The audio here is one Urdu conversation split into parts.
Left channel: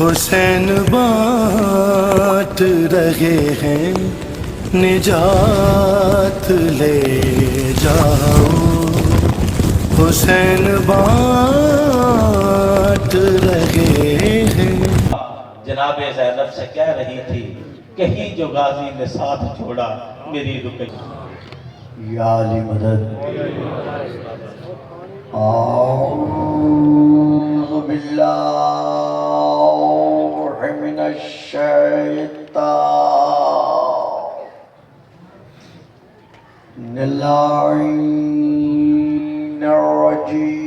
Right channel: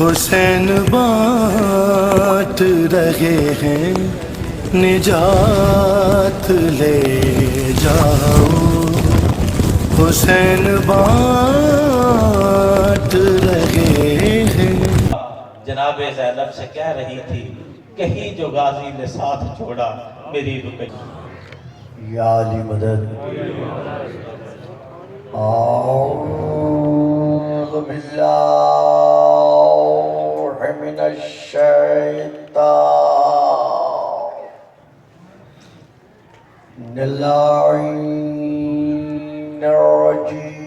حسین بانٹ رہے ہیں نجات لے جاؤ، حسین بانٹ رہے ہیں۔ جناب زینب سے کہہ رہی تھی کہیں جو غازی نے ساتھ چھوڑا میری رکن یا علی مدد۔ اعوذ باللہ من الشیطان اللعین الرجیم،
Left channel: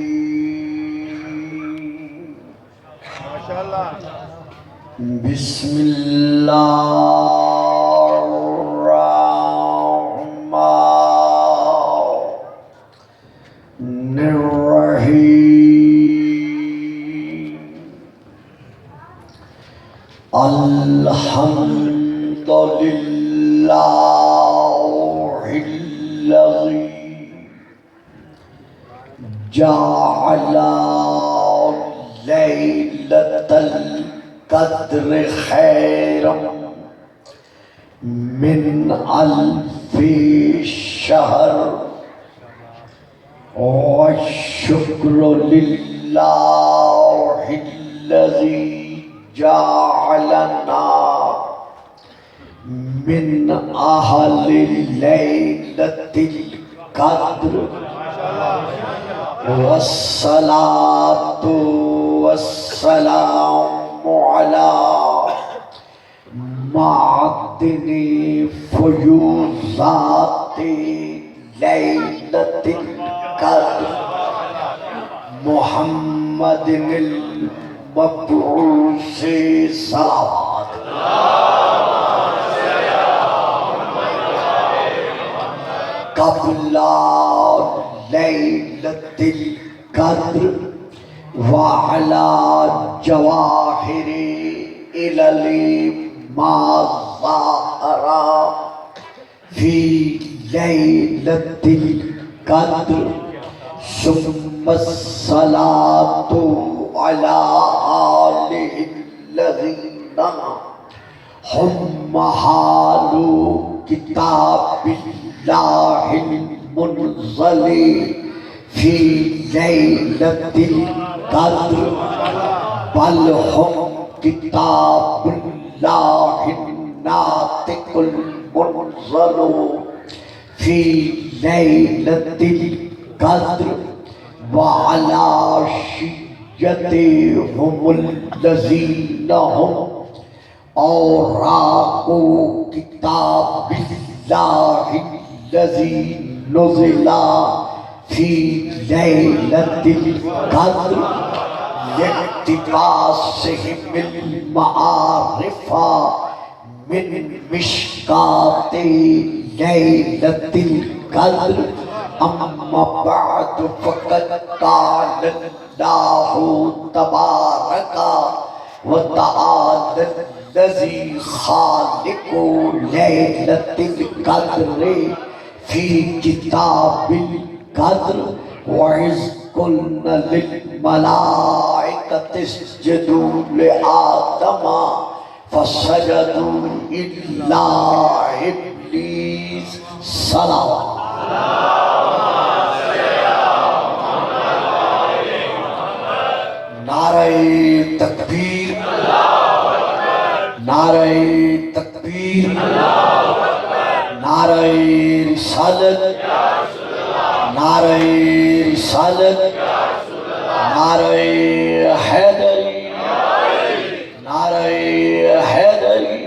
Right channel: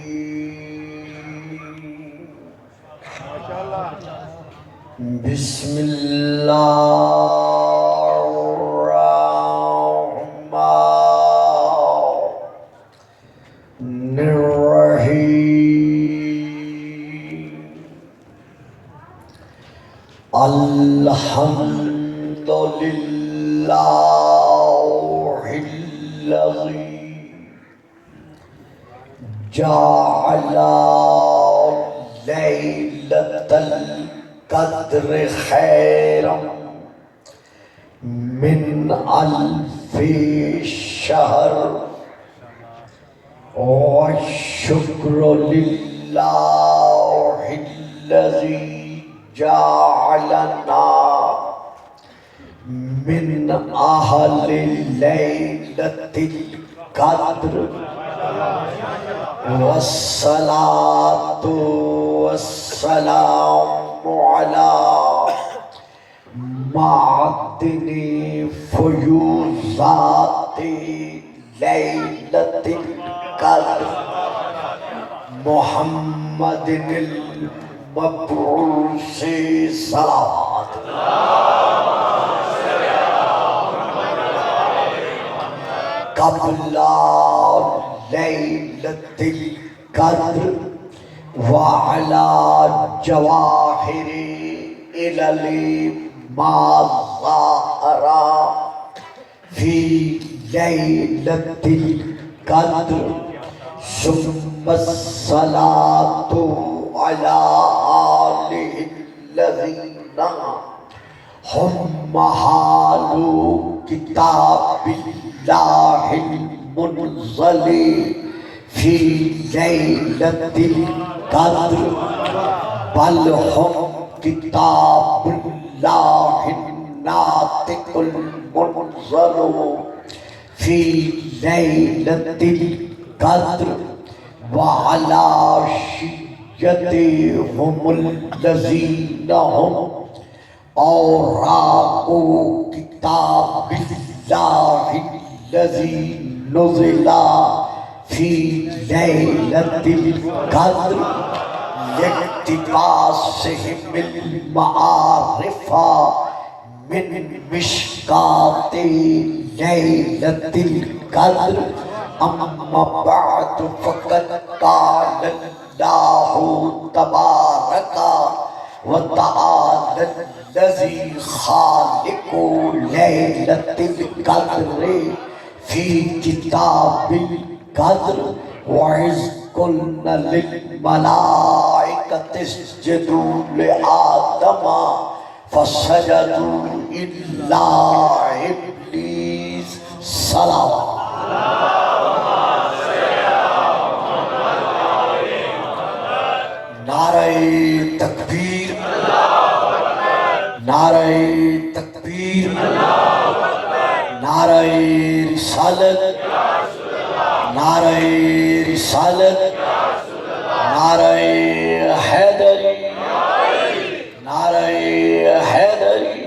بسم اللہ الرحمن الرحیم، الحمد للہ الذی جعل لیلۃ القدر خیرا من الف شہر، والشکر للہ الذی جعلنا من اہل لیلۃ القدر، والصلاة والسلام علی معدن فیوضات لیلۃ القدر، محمد المبعوث صلوات۔ قبل لیلۃ القدر وعلی جواہر علل ما ظہر فی لیلۃ القدر، ثم الصلاة علی آلہ الذین ہم محال کتاب اللہ المنزل فی لیلۃ القدر، بل ہم کتاب اللہ الناطق المنزل فی لیلۃ القدر، وعلی شیعتہم الذین ہم اوراق کتاب اللہ الذی نزل فی لیلۃ القدر، لاقتباسہم المعارف من مشکات لیلۃ القدر، اما بعد فقد قال اللہ تبارک وتعالی الذی خالق لیلۃ القدر فی کتاب القدر، وَإِذْ قُلْنَا لِلْمَلَائِكَةِ اسْجُدُوا لِآدَمَ فَسَجَدُوا إِلَّا إِبْلِيسَ صلوات۔ نعرہ تکبیر، نعرہ تکبیر، نعرہ رسالت، نعرہ رسالت، نعرہ حیدری، نعرہ حیدری،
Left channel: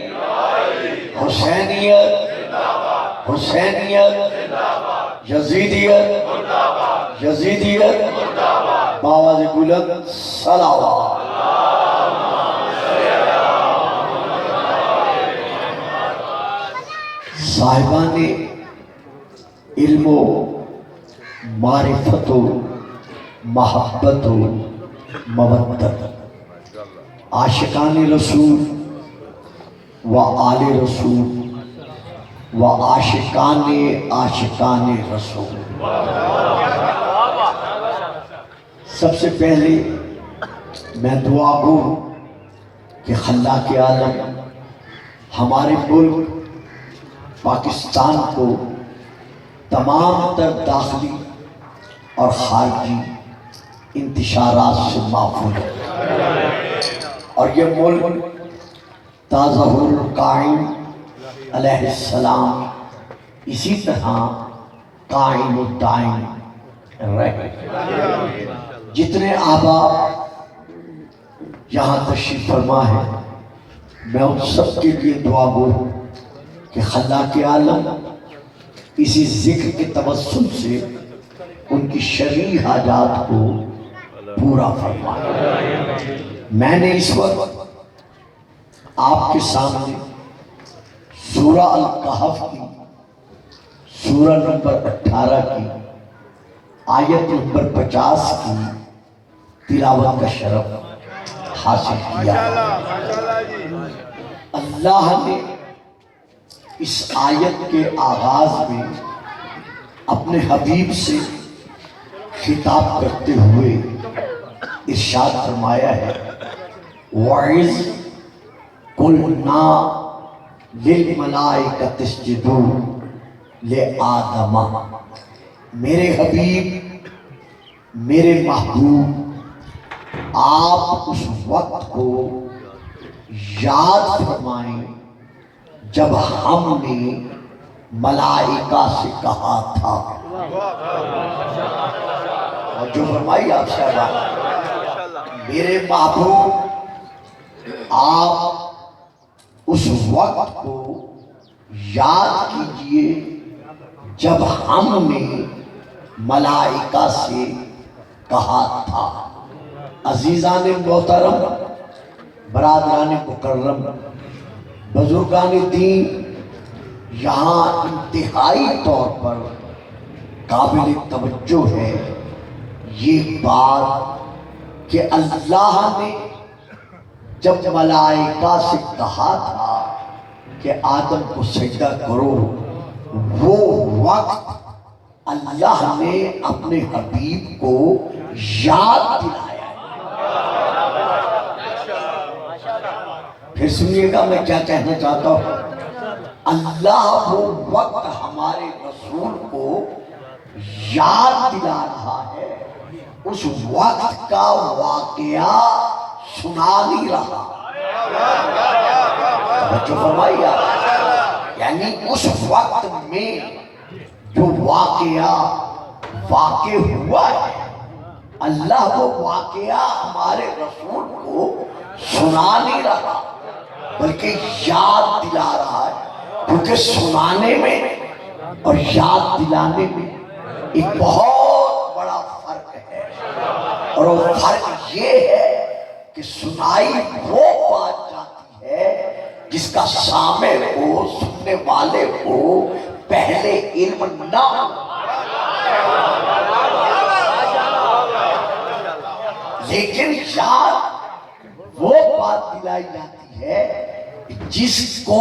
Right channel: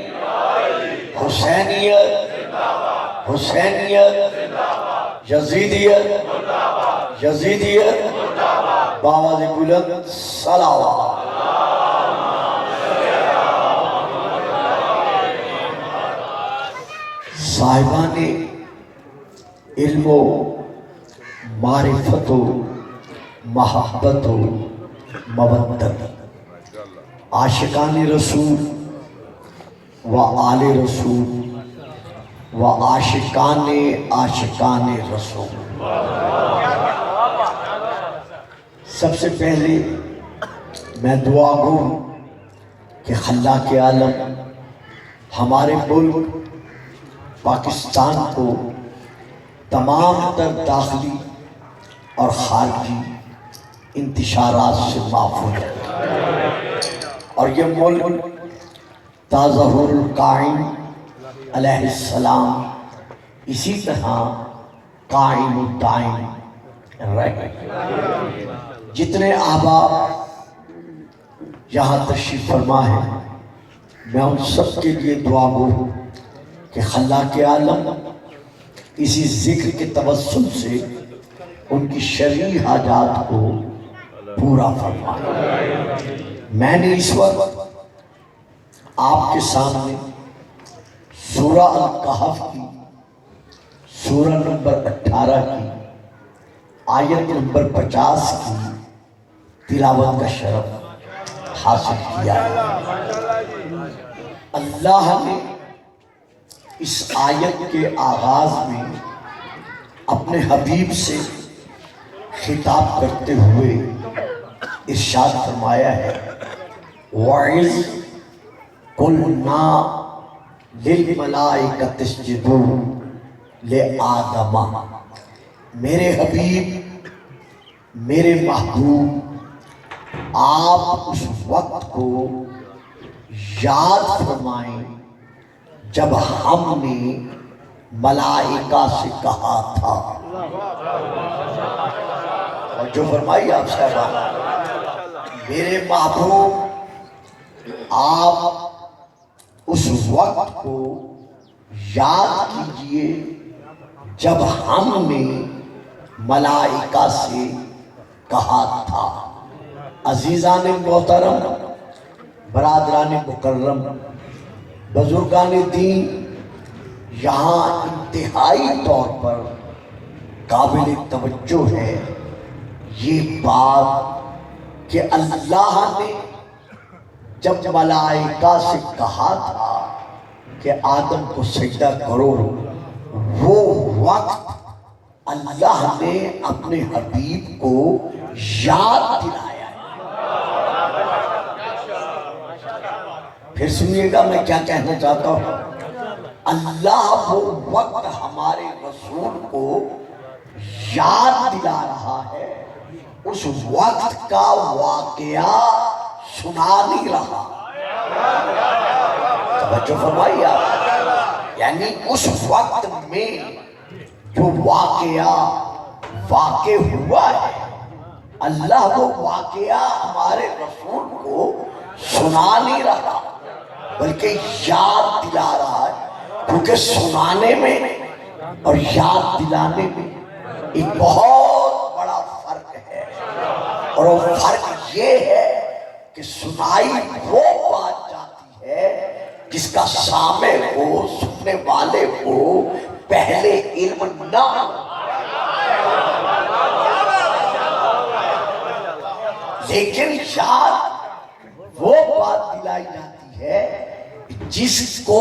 حسینیت، حسینیت، یزیدیت، یزیدیت، بآواز بلند صلوات۔ صاحبان علم و معرفت و محبت و مودت، عاشقان رسول و آل رسول و عاشقان رسول، سب سے پہلے میں دعا گو کہ خلاق عالم ہمارے ملک پاکستان کو تمام تر داخلی اور خارجی انتشارات سے محفوظ ہے، اور یہ ملک تاظہر القائم علیہ السلام اسی طرح قائم و دائم رہے۔ جتنے احباب یہاں تشریف فرما ہے، میں ان سب کے لیے دعا گو کہ خلاق عالم اسی ذکر کے توسل سے ان کی شرعی حاجات کو پورا فرمائے۔ میں نے اس وقت آپ کے سامنے سورہ الکہف کی سورہ نمبر 18 کی آیت نمبر 50 کی تلاوت کا شرف حاصل کیا۔ اللہ نے اس آیت کے آغاز میں اپنے حبیب سے خطاب کرتے ہوئے ارشاد فرمایا ہے، وَإِذْ قُلْنَا لِلْمَلَائِكَةِ اسْجُدُوا لِآدَمَ۔ میرے حبیب، میرے محبوب، آپ اس وقت کو یاد فرمائیں جب ہم نے ملائکہ سے کہا تھا، اور جو فرمائی آپ صاحبہ، میرے محبوب آپ اس وقت کو یاد کیجئے جب ہم نے ملائکہ سے کہا تھا۔ عزیزان محترم، برادران مکرم، بزرگان دین، یہاں انتہائی طور پر قابل توجہ ہے یہ بات کہ اللہ نے جب ملائکہ سے کہا تھا کہ آدم کو سجدہ کرو، وہ وقت اللہ نے اپنے حبیب کو یاد دلایا۔ پھر سنیے گا میں کیا کہنا چاہتا ہوں۔ اللہ وہ وقت ہمارے رسول کو یاد دلا رہا ہے، اس وقت کا واقعہ سنا نہیں رہا۔ توجہ فرمائیے، یعنی اس وقت میں جو واقعہ واقع ہوا ہے، اللہ وہ واقعہ ہمارے رسول کو سنا نہیں رہا بلکہ یاد دلا رہا ہے، کیونکہ سنانے میں اور یاد دلانے میں ایک بہت بڑا فرق ہے، اور وہ فرق یہ ہے کہ سنائی وہ بات جاتی ہے جس کا سامع کو، سننے والے کو پہلے علم نہ ہو، لیکن یاد وہ بات دلائی جاتی ہے جس کو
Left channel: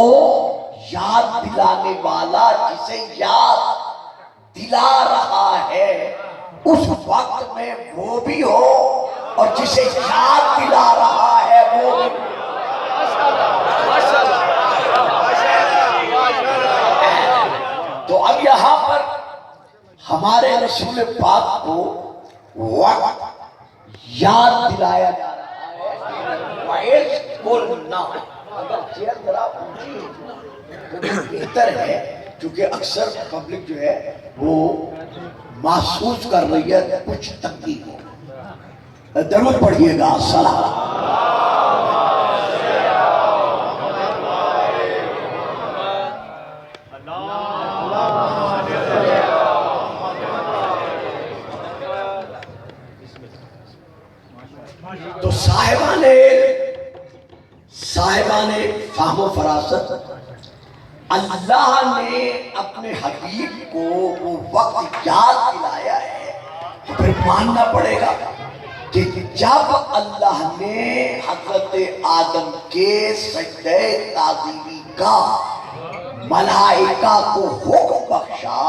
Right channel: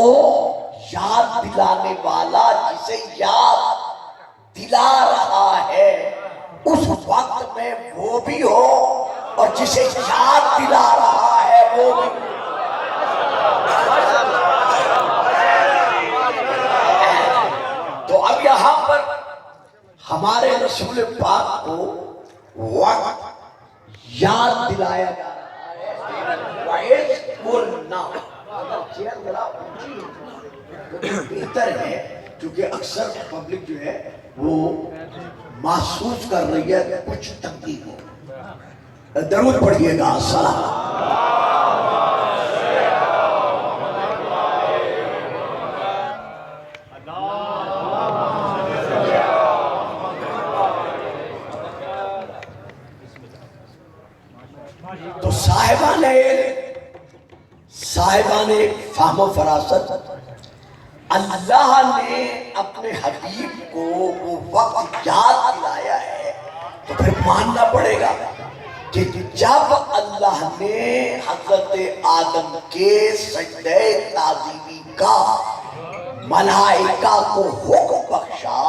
یاد دلانے والا جسے یاد دلا رہا ہے اس وقت میں وہ بھی ہو، اور جسے یاد دلا رہا ہے وہ بھی ہو۔ تو اب یہاں پر ہمارے رسول پاک کو وقت یاد دلایا جا رہا ہے۔ وَإِذْ قُلْنَا، اگر چیئر ذرا اونچی تو بہتر ہے، کیونکہ اکثر پبلک جو ہے وہ محسوس کر رہی ہے کچھ تنگی کو۔ درود پڑھیے گا، سلام۔ تو صاحبان فہم و فراست، اللہ نے اپنے حبیب کو وہ وقت یاد دلایا ہے، تو پھر ماننا پڑے گا کہ جب اللہ نے حضرت آدم کے سجدہ تعظیمی کا ملائکہ کو حکم بخشا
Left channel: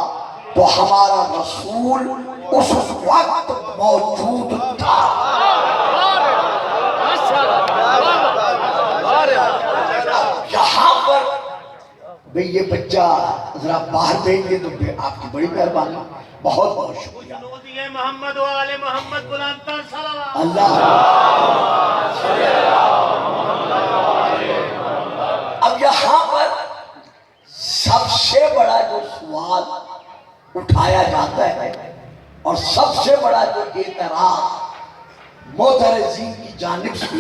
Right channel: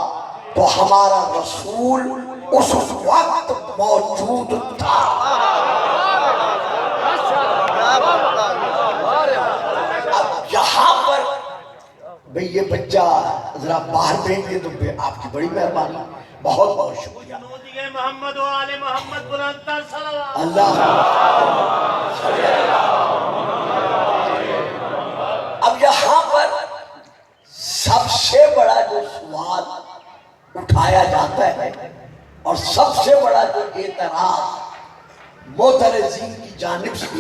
تو ہمارا رسول اس وقت موجود تھا۔ بھئی یہ بچہ ذرا باہر بھیج دے تو آپ کی بڑی مہربانی، بہت بہت شکریہ۔ جنودی محمد و آل محمد بلندتر صلوات۔ اللہ اب یہاں پر سب سے بڑا جو سوال اٹھایا جاتا ہے اور سب سے بڑا جو اعتراض معترضین کی جانب سے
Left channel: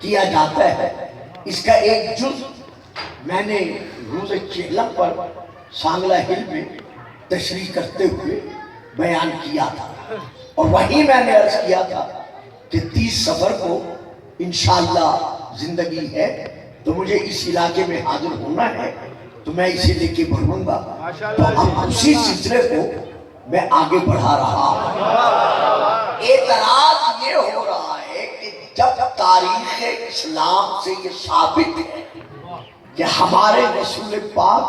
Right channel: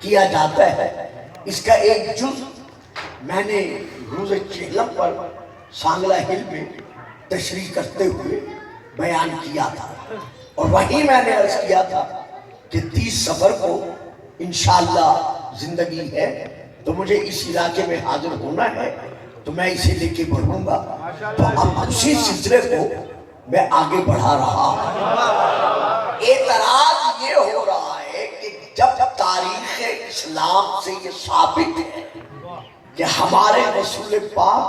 کیا جاتا ہے، اس کا ایک جز میں نے روز چہلم پر سانگلہ ہل میں تشریح کرتے ہوئے بیان کیا تھا، اور وہی میں نے عرض کیا تھا کہ 30 صفر کو انشاءاللہ زندگی ہے تو مجھے اس علاقے میں حاضر ہونا ہے، تو میں اسے لے کے بڑھوں گا، تو اب اسی سلسلے کو میں آگے بڑھا رہا ہوں۔ اعتراض یہ ہو رہا ہے کہ جب تاریخ اسلام سے یہ ثابت ہے کہ ہمارے رسول پاک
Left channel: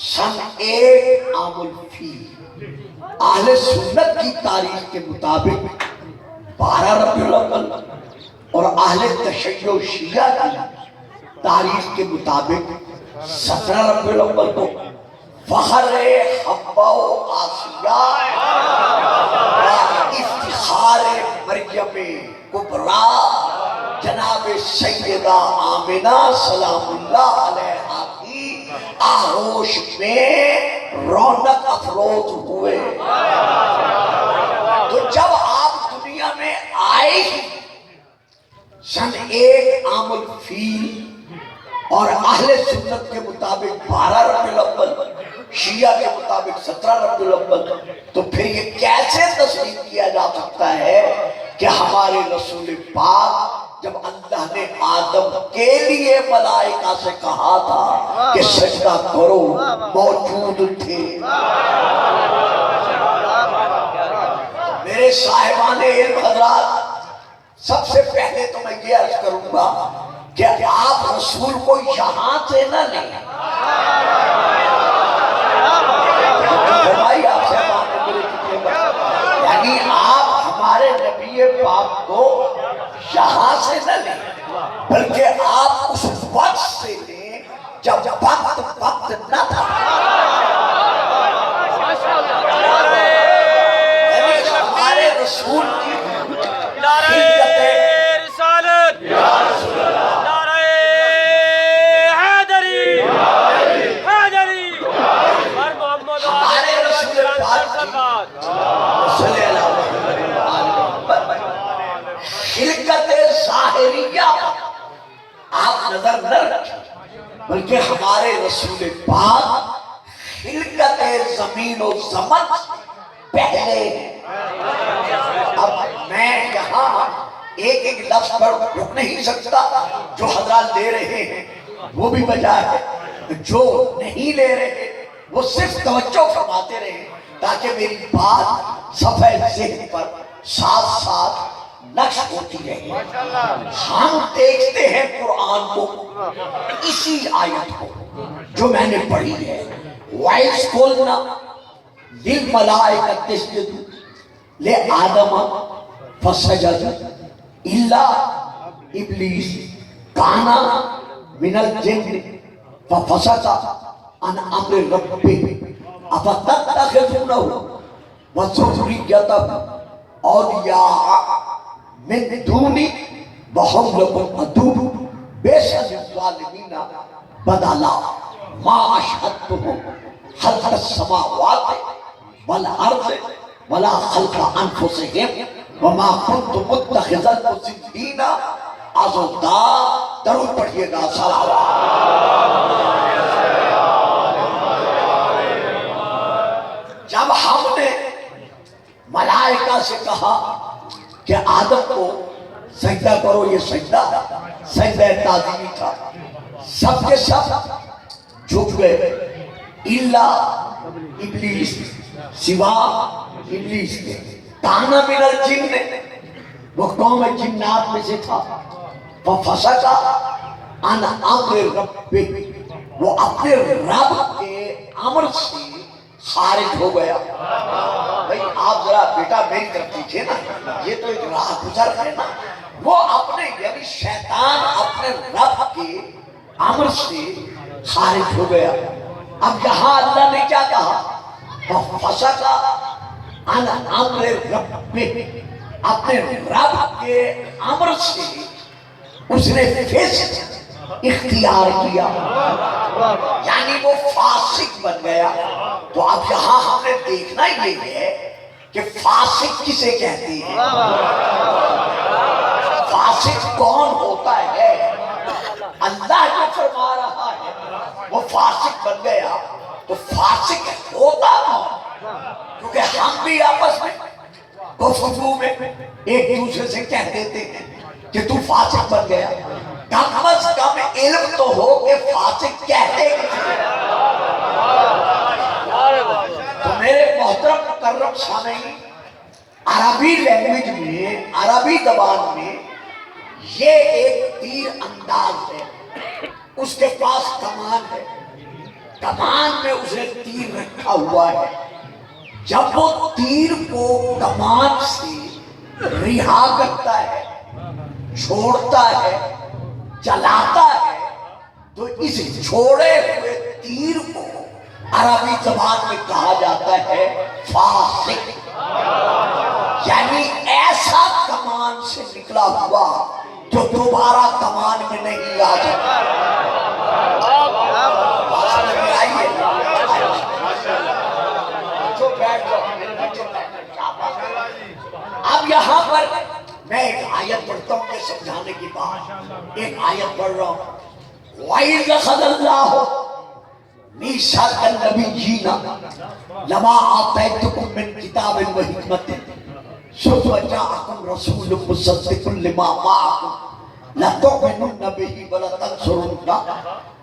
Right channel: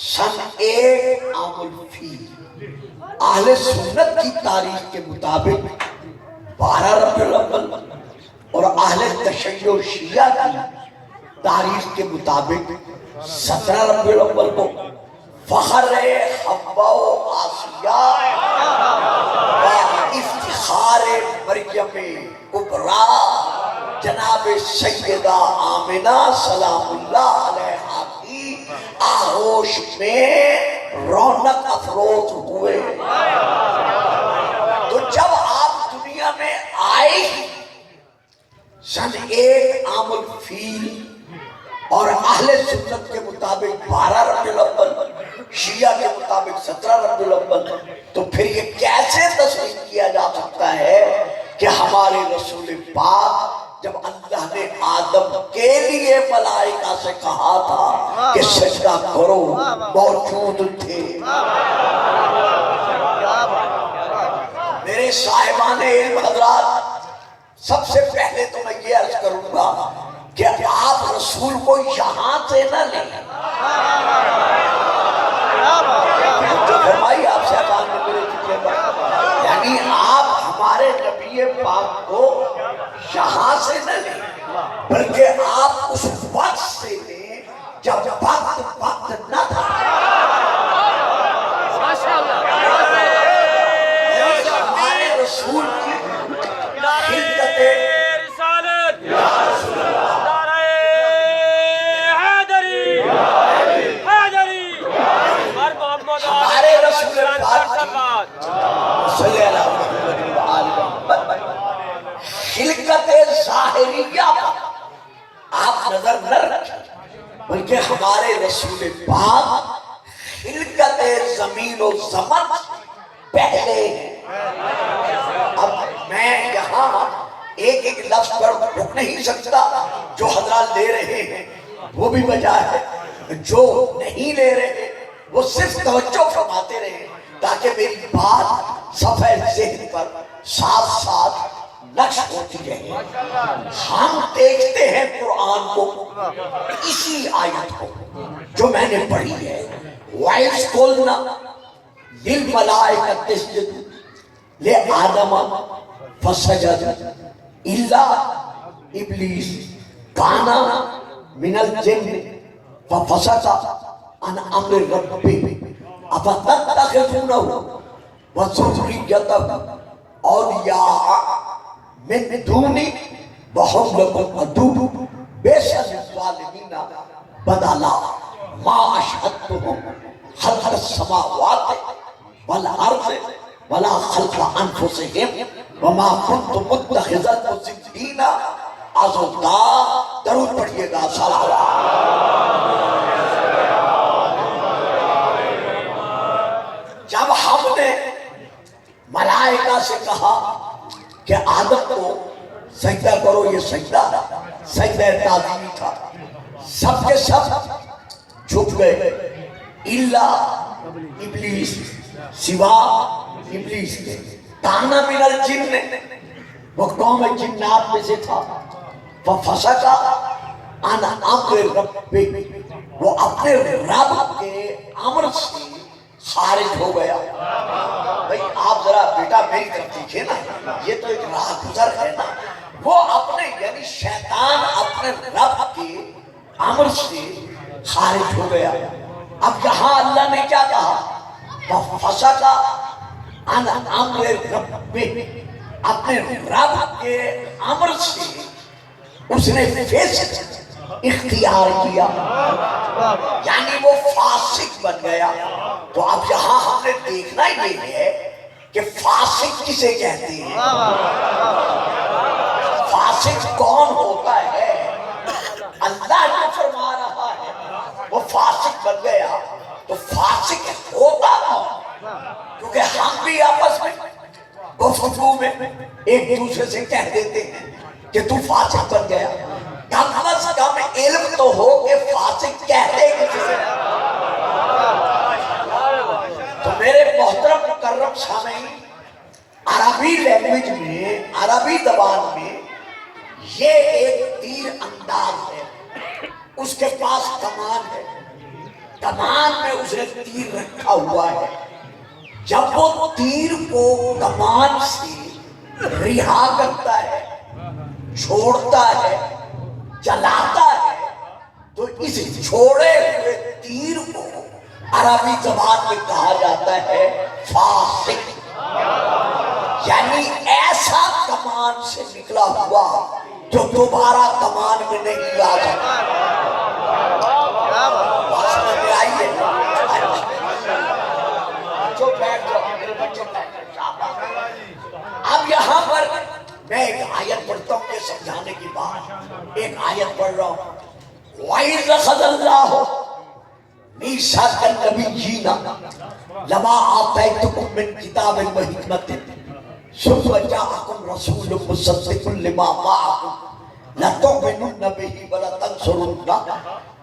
سن 1 عام الفیل اہل سنت کی تاریخ کے مطابق 12 ربیع الاول اور اہل تشیع شیعہ کی تاریخ کے مطابق 17 ربیع الاول کو فخر حوا و آسیہ و افتخار مریم کبریٰ جناب سیدہ آمنہ سلام اللہ علیہا کی آغوش میں رونق افروز ہوئے۔ تو جب آپ دنیا میں آئے ہی سن 1 عام الفیل اور اہل سنت کے مطابق 12 ربیع الاول، شیعہ کے مطابق 17 ربیع الاول، تو پھر یہ کیسے تسلیم کیا جا سکتا ہے کہ ہمارے رسول پاک جب اللہ نے آدم کے لیے ملائکہ سے کہا تھا کہ سجدہ کرو موجود تھے؟ میرے صاحبان علم حضرات، سب سے پہلے تو میں یہ عرض کروں گا کہ آپ رسول کو یہاں سے نہ لیں، فرمائی آپ سے بات ملے چکے گا، یعنی آپ ہمارے نبی پاک کو یہاں سے نہ لیں، بلکہ آپ اس وقت سے لیں جب وقت نہ تھا۔ ہمارے رسول کی خلقت ظاہریہ پر آپ نظر نہ رکھیں، بلکہ ہمارے رسول پاک خلقت زمین و زمن پہلے ہیں۔ اب میں یہاں ایک لفظ پر رک نہیں سکتا، جو حضرات لے رہے ہیں وہ بھی وجہ ہے، جو نہیں لے رہے وہ صرف توجہ فرماتے رہے تاکہ میری بات صفحہ ذہن پر ساتھ ساتھ نقش ہوتی رہے۔ ہم دیکھتے ہیں قرآن کو، اسی آیت کو جو میں نے پڑھی ہے، وَإِذْ قُلْنَا لِلْمَلَائِكَةِ اسْجُدُوا لِآدَمَ فَسَجَدُوا إِلَّا إِبْلِيسَ كَانَ مِنَ الْجِنِّ فَفَسَقَ عَنْ أَمْرِ رَبِّهِ أَفَتَتَّخِذُونَهُ وَذُرِّيَّتَهُ أَوْلِيَاءَ مِن دُونِي وَهُمْ لَكُمْ عَدُوٌّ بِئْسَ لِلظَّالِمِينَ بَدَلًا مَا أَشْهَدتُّهُمْ خَلْقَ السَّمَاوَاتِ وَالْأَرْضِ وَلَا خَلْقَ أَنفُسِهِمْ وَمَا كُنتُ مُتَّخِذَ الْمُضِلِّينَ عَضُدًا۔ درود پڑھیے گا، صلوات۔ جب ہم نے ملائکہ سے کہا کہ آدم کو سجدہ کرو، یہ سجدہ تعظیمی تھا، سب کے سب جھک گئے، الا ابلیس، سوا ابلیس کے، کانا من الجن، وہ قوم جنات میں سے تھا، فَفَسَقَ عَنْ أَمْرِ رَبِّهِ، وہ اپنے رب کے امر سے خارج ہو گیا۔ بھئی آپ ذرا بیٹا میری طرف دیکھیں نا، یہ تو ایک راہ گزر ہے نا، وہ اپنے یعنی شیطان اپنے رب کے امر سے خارج ہو گیا۔ اب یہاں اللہ نے کیا کہا؟ فَفَسَقَ عَنْ أَمْرِ رَبِّهِ، اپنے رب کے امر سے اس نے فسق اختیار کیا، یعنی وہ فاسق بن گیا۔ تو اب یہاں ہم نے دیکھنا یہ ہے کہ فاسق کسے کہتے ہیں، فاسق کون ہوتا ہے؟ اللہ جو فرما رہا ہے وہ فاسق بن گیا، تو فاسق ہوتا کون؟ کیونکہ ہم بھی آپس میں گفتگو میں ایک دوسرے سے کہہ دیتے ہیں کہ تو فاسق بن گیا، کم از کم علم تو ہو کہ فاسق کہتے ہیں۔ تو میرے محترم مکرم سامعین، عربی لینگویج میں، عربی زبان میں یہ ایک تیر انداز ہے، اس کے پاس کمان ہے، کمان میں اس نے تیر رکھا ہوا ہے۔ جب وہ تیر کو کمان سے رہا کرتا ہے، چھوڑتا ہے، چلاتا ہے، تو اس چھوڑے ہوئے تیر کو عربی زبان میں کہا جاتا ہے فاسق، یعنی ایسا کمان سے نکلا ہوا جو دوبارہ کمان میں نہیں آ جاتا۔ اب یہاں پر میں ایک آیت پڑھتا ہوں کہ سمجھانے کی بات، ایک آیت پڑھ رہا ہوں۔ وَإِذْ أَخَذَ اللَّهُ مِيثَاقَ النَّبِيِّينَ لَمَا آتَيْتُكُم مِّن كِتَابٍ وَحِكْمَةٍ ثُمَّ جَاءَكُمْ رَسُولٌ مُصَدِّقٌ لِّمَا مَعَكُمْ لَتُؤْمِنُنَّ بِهِ وَلَتَنصُرُنَّهُ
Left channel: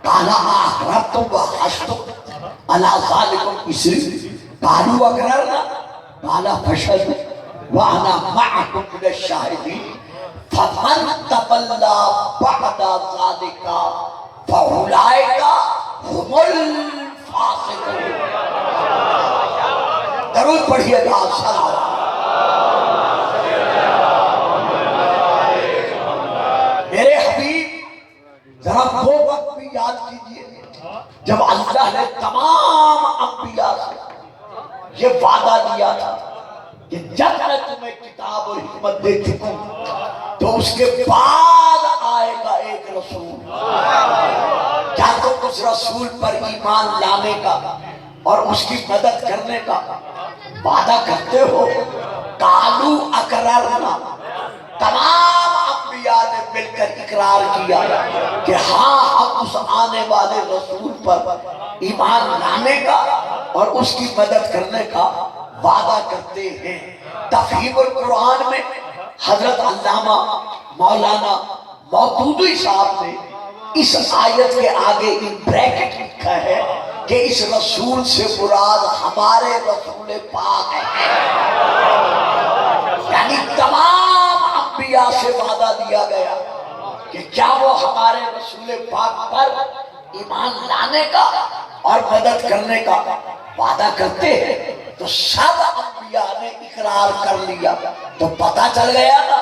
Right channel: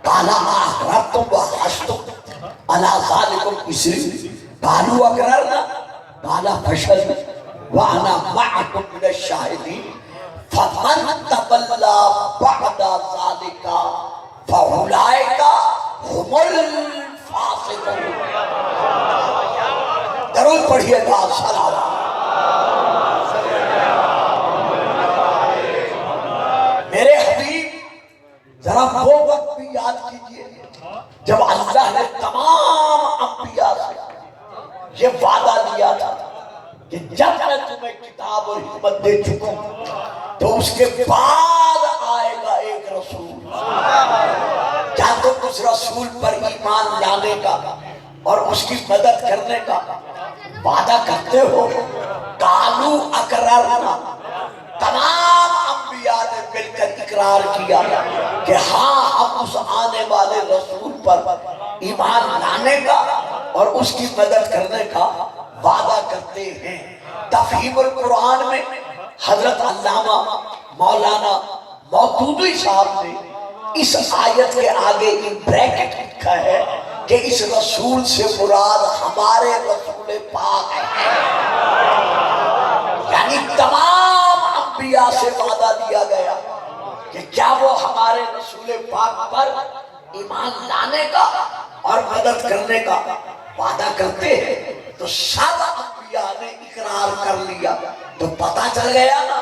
قَالَ أَأَقْرَرْتُمْ وَأَخَذْتُمْ عَلَىٰ ذَٰلِكُمْ إِصْرِي قَالُوا أَقْرَرْنَا قَالَ فَاشْهَدُوا وَأَنَا مَعَكُمْ مِنَ الشَّاهِدِينَ فَمَن تَوَلَّىٰ بَعْدَ ذَٰلِكَ فَأُولَٰئِكَ هُمُ الْفَاسِقُونَ۔ درود پڑھیے گا، سلام۔ میرے حبیب ذرا وہ وقت بھی یاد کیجئے جب اللہ نے تمام انبیاء سے یہ وعدہ دیا تھا کہ جب میں تمہیں کتاب اور حکمت دے چکا ہوں تو اس کے بعد آئے گا ایک رسول۔ کیا تم اس رسول پر ایمان لانے کا اور اس کی مدد کرنے کا وعدہ کرتے ہو؟ قالوا اقررنا، تمام انبیاء نے مل کر اقرار کیا کہ ہاں ہم اس آنے والے رسول پر ایمان لانے کا اور اس کی مدد کرنے کا وعدہ کرتے ہیں۔ تفہیم القرآن میں حضرت علامہ مولانا مودودی صاحب نے اس آیت کے آگے ایک بریکٹ لکھا ہے کہ اس رسول سے مراد ہمارے رسول پاک ہے، یعنی تمام انبیاء سے وعدہ دیا گیا کہ کیا وہ ہمارے رسول پاک پر ایمان لانے کا اور مدد کرنے کا وعدہ کرتے ہیں؟ تو سب انبیاء نے اقرار کر لیا، تو پتہ چل گیا نا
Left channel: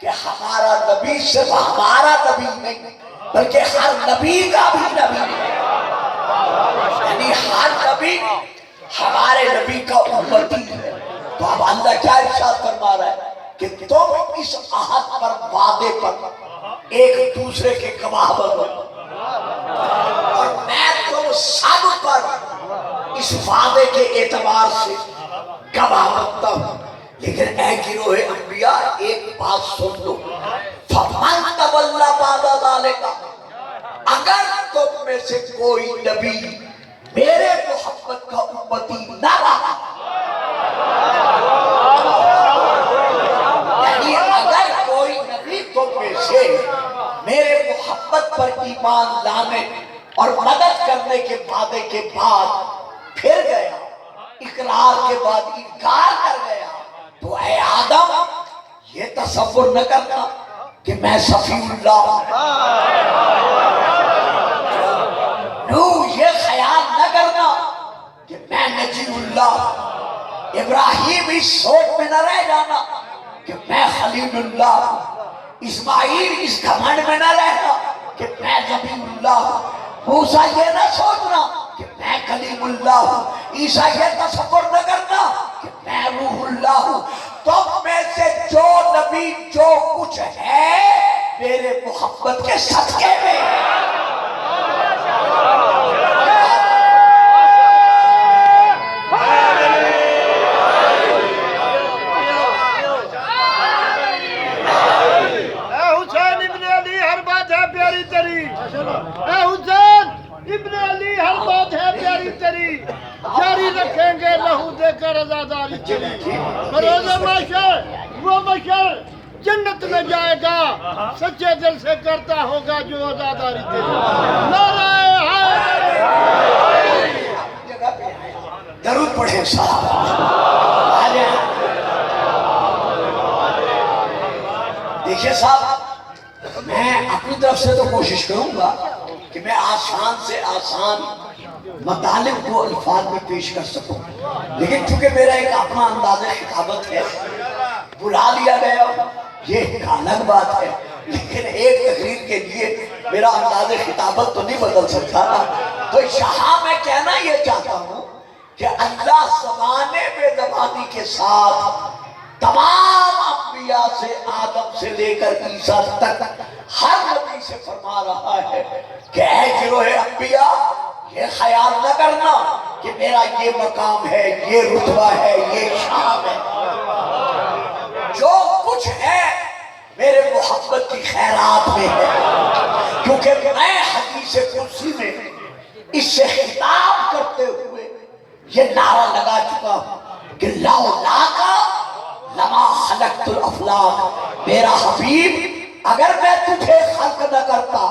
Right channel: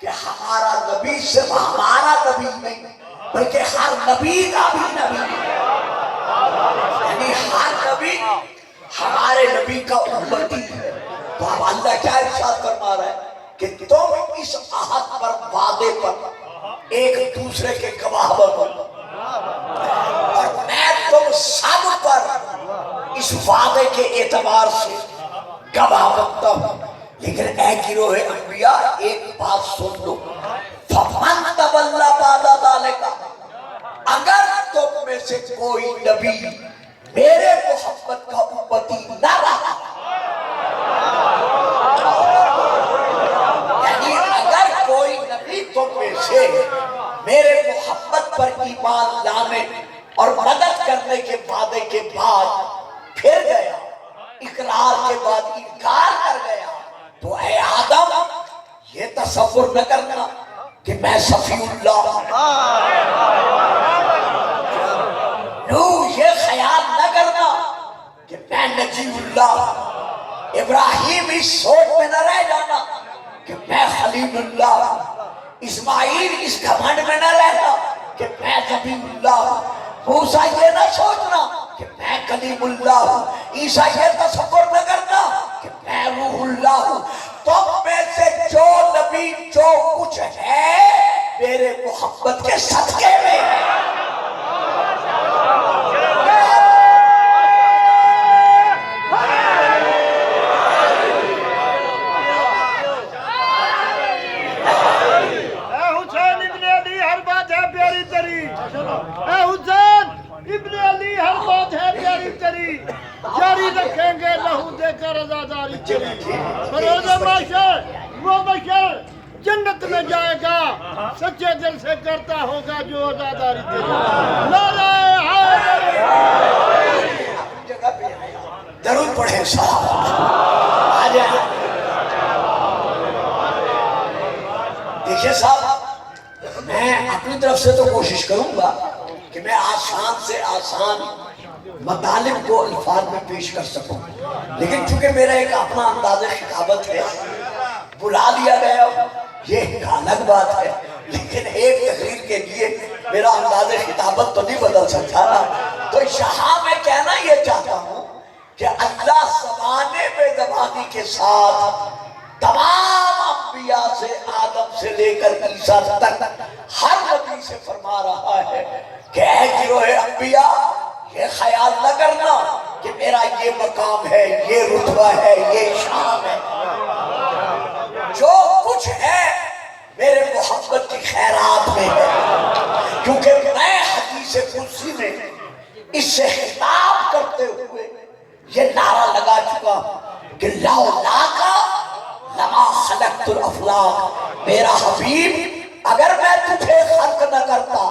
کہ ہمارا نبی صرف ہمارا نبی نہیں بلکہ ہر نبی کا بھی نبی ہے، یعنی ہر نبی ہمارے نبی کا امتی ہے۔ تو اب اللہ کیا ارشاد فرما رہا ہے کہ تم اس عہد پر، وعدے پر ایک دوسرے کے گواہ بنو، اور میں تم سب پر اس وعدے کے اعتبار سے گواہ بنتا ہوں۔ لیکن اے گروہ انبیاء ایک بات سن لو، فَمَن تَوَلَّىٰ بَعْدَ ذَٰلِكَ، اگر تم میں سے کوئی نبی میرے محمد کا امتی نہ رہا، یعنی اگر کوئی نبی تم میں سے میرے محمد پر ایمان لانے اور مدد کرنے کے وعدے کے بعد پھر گیا، اقرار کے بعد انکار کر گیا، تو اے آدم یہ تصور نہ کرنا کہ میں صفی اللہ ہوں، نوح یہ خیال نہ کرنا کہ میں نجی اللہ ہوں، ابراہیم اس سوچ میں نہ رہ جانا کہ میں خلیل اللہ ہوں، اسماعیل اس گھمنڈ میں نہ رہنا کہ میں نبی اللہ ہوں، موسیٰ یہ نہ سوچنا کہ میں کلیم اللہ ہوں، عیسیٰ یہ تصور نہ کرنا کہ میں روح اللہ ہوں. تم میں سے جو نبی جو کچھ ہے میرے محبت کے صدقے میں. اے حسین ابن علی ہر بات ہے پیاری تیری، جاری رکھیں گے لہو دے کر عزاداری تیری. بروز محشر وہ محشر جنت میں جائے گا سچے دل سے کرتا ہوگا جو عزاداری تیری. نعرہ حیدر. جگہ پہ درود پڑھیں سلام. دیکھیں صاحب، میں اپنی طرف سے تو کوشش کروں گا کہ میں آسان سے آسان مطالب کو الفاظ میں پیش کر سکوں، لیکن چونکہ میرا ایک اپنا انداز خطابت ہے، بلا لیا گیا یہ ایک الگ بات ہے، لیکن ایک تقریر کے لیے میرا انداز خطابت تو نہیں بدل سکتا. تو یہاں میں کہنا یہ چاہتا ہوں کہ اللہ زمانے بے زمانی کے ساتھ تمام انبیاء سے آدم سے لے کر عیسیٰ تک ہر نبی سے فرما رہا ہے کہ اے گروہ انبیاء یہ خیال نہ کرنا کہ میرا یہ مقام ہے، یہ رتبہ ہے، یہ شان ہے. جو کچھ ہے میرے محبت کی خیرات میں ہے، کیونکہ میں حدیث قدسی میں اس سے خطاب کرتے ہوئے یہ نعرہ لگا چکا ہوں کہ لولاکا لما خلقت الافلاق. میرا حبیب اگر میں تجھے خلق نہ کرتا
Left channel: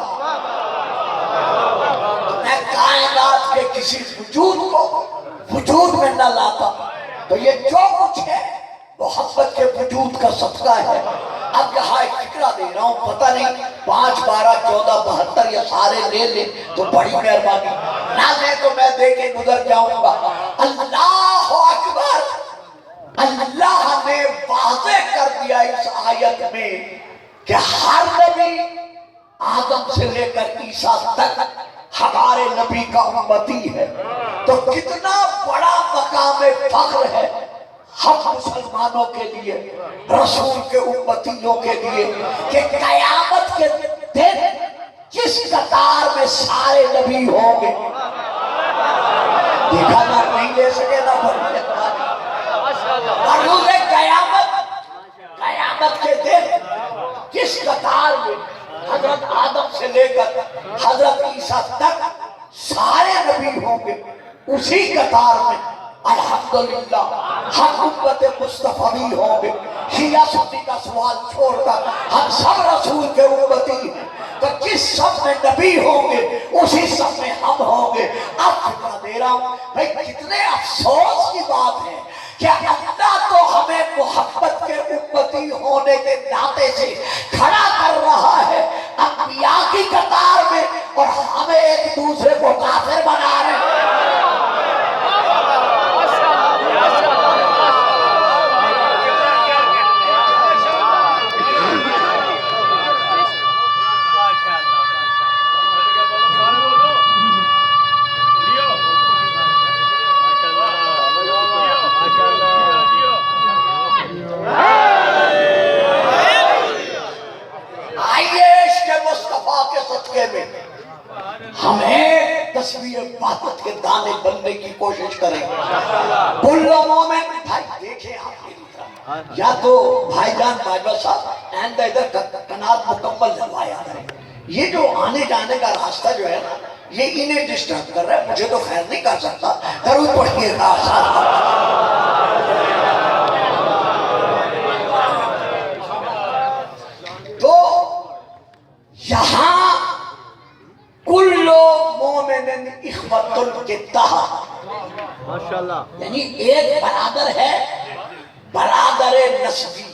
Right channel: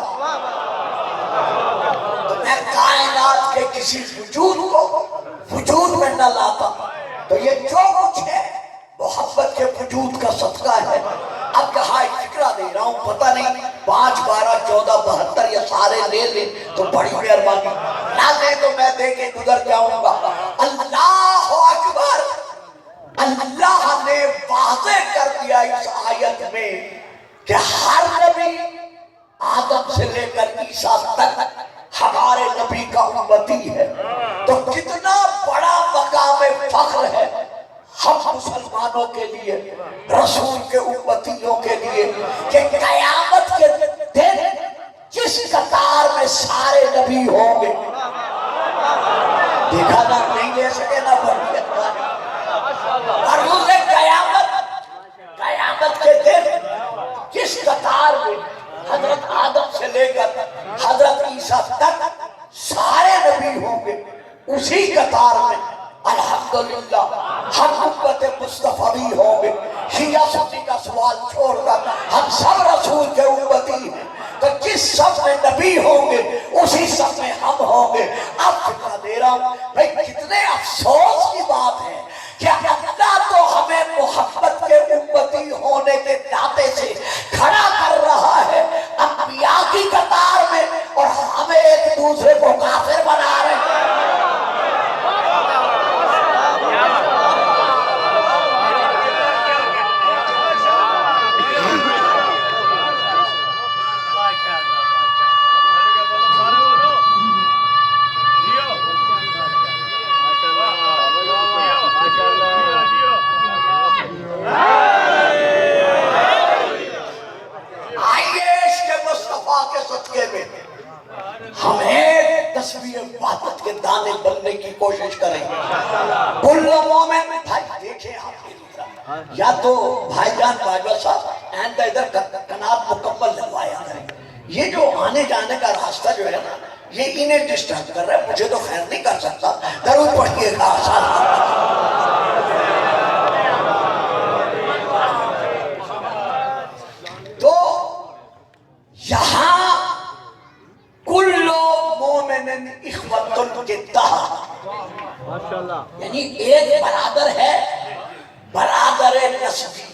تو میں کائنات کے کسی وجود کو وجود میں نہ لاتا. تو یہ جو کچھ ہے محبت کے وجود کا صدقہ ہے. اب کہا ایک فکرہ دے رہا ہوں، پتہ نہیں 5 12 14 72 یہ سارے لے لیں تو بڑی مہربانی، نہ دے تو میں دے کے گزر جاؤں گا. اللہ اکبر. اللہ نے واضح کر دیا اس آیت میں کہ ہر نبی آدم سے لے کر عیسیٰ تک ہمارے نبی کا امتی ہے. تو کتنا بڑا مقام فخر ہے ہم مسلمانوں کے لیے، رسول کے امتیوں کے لیے، کہ قیامت کے دن جس قطار میں سارے نبی ہوں گے، دیکھا نہ نہیں لے سکے نہ بڑھنے اور روز قیامت کے دن جس قطار میں حضرت آدم سے لے کر حضرت عیسیٰ تک سارے نبی ہوں گے، اسی قطار میں الحمدللہ ہم امت مصطفی ہوں گے. شیعہ سنی کا سوال چھوڑ کر ہم سب رسول کے امتی ہیں. تو جس صف میں نبی ہوں گے اسی صف میں ہم ہوں گے. اب فکرہ دے رہا ہوں بھئی کتنے افسوس کی بات ہے کہ اللہ تو ہمیں محبت کے امتی ہونے کے ناطے سے کھڑا کر رہا ہے انبیاء کی قطار میں، اور ہمیں ایک دوسرے کو کافر بنا رہے ہیں. ہمیں تصویر وحدت کے دانے بننے کی کوشش کریں. کل مومن بھائی دیکھیں آپ میری طرف، یا تو بھائی جان باجوہ صاحب آئندہ ادھر کنات مکمل لگوایا ہے. یہ جو آنے جانے کا راستہ جو ہے نا یہ انہیں ڈسٹرب کر رہا ہے، مجھے تو خیر نہیں کر سکتا. درود پڑھیے گا تو یہاں کل مومن اخوۃ کے تحت، یعنی ایک برادر ہے، برادر نسبی.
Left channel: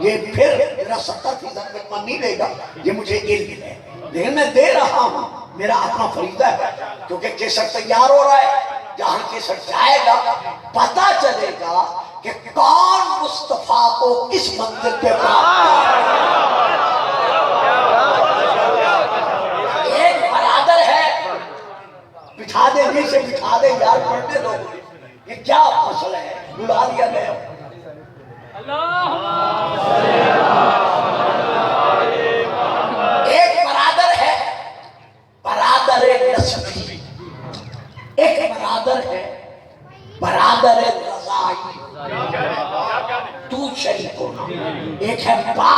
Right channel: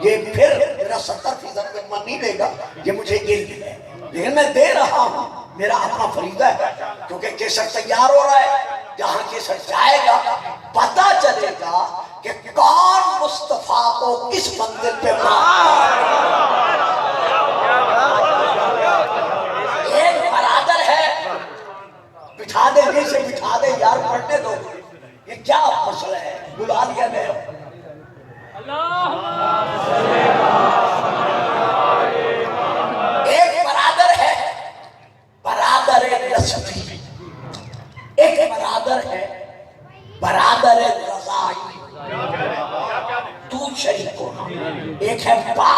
یہ پھر میرا 70% لقمہ نہیں دے گا، یہ مجھے علم ہے، لیکن میں دے رہا ہوں، میرا اپنا فریضہ ہے، کیونکہ کیسر تیار ہو رہا ہے. جہاں کیسر جائے گا پتہ چلے گا کہ کون مصطفیٰ کو کس منزل پہ پہنچتا ہے. ایک برادر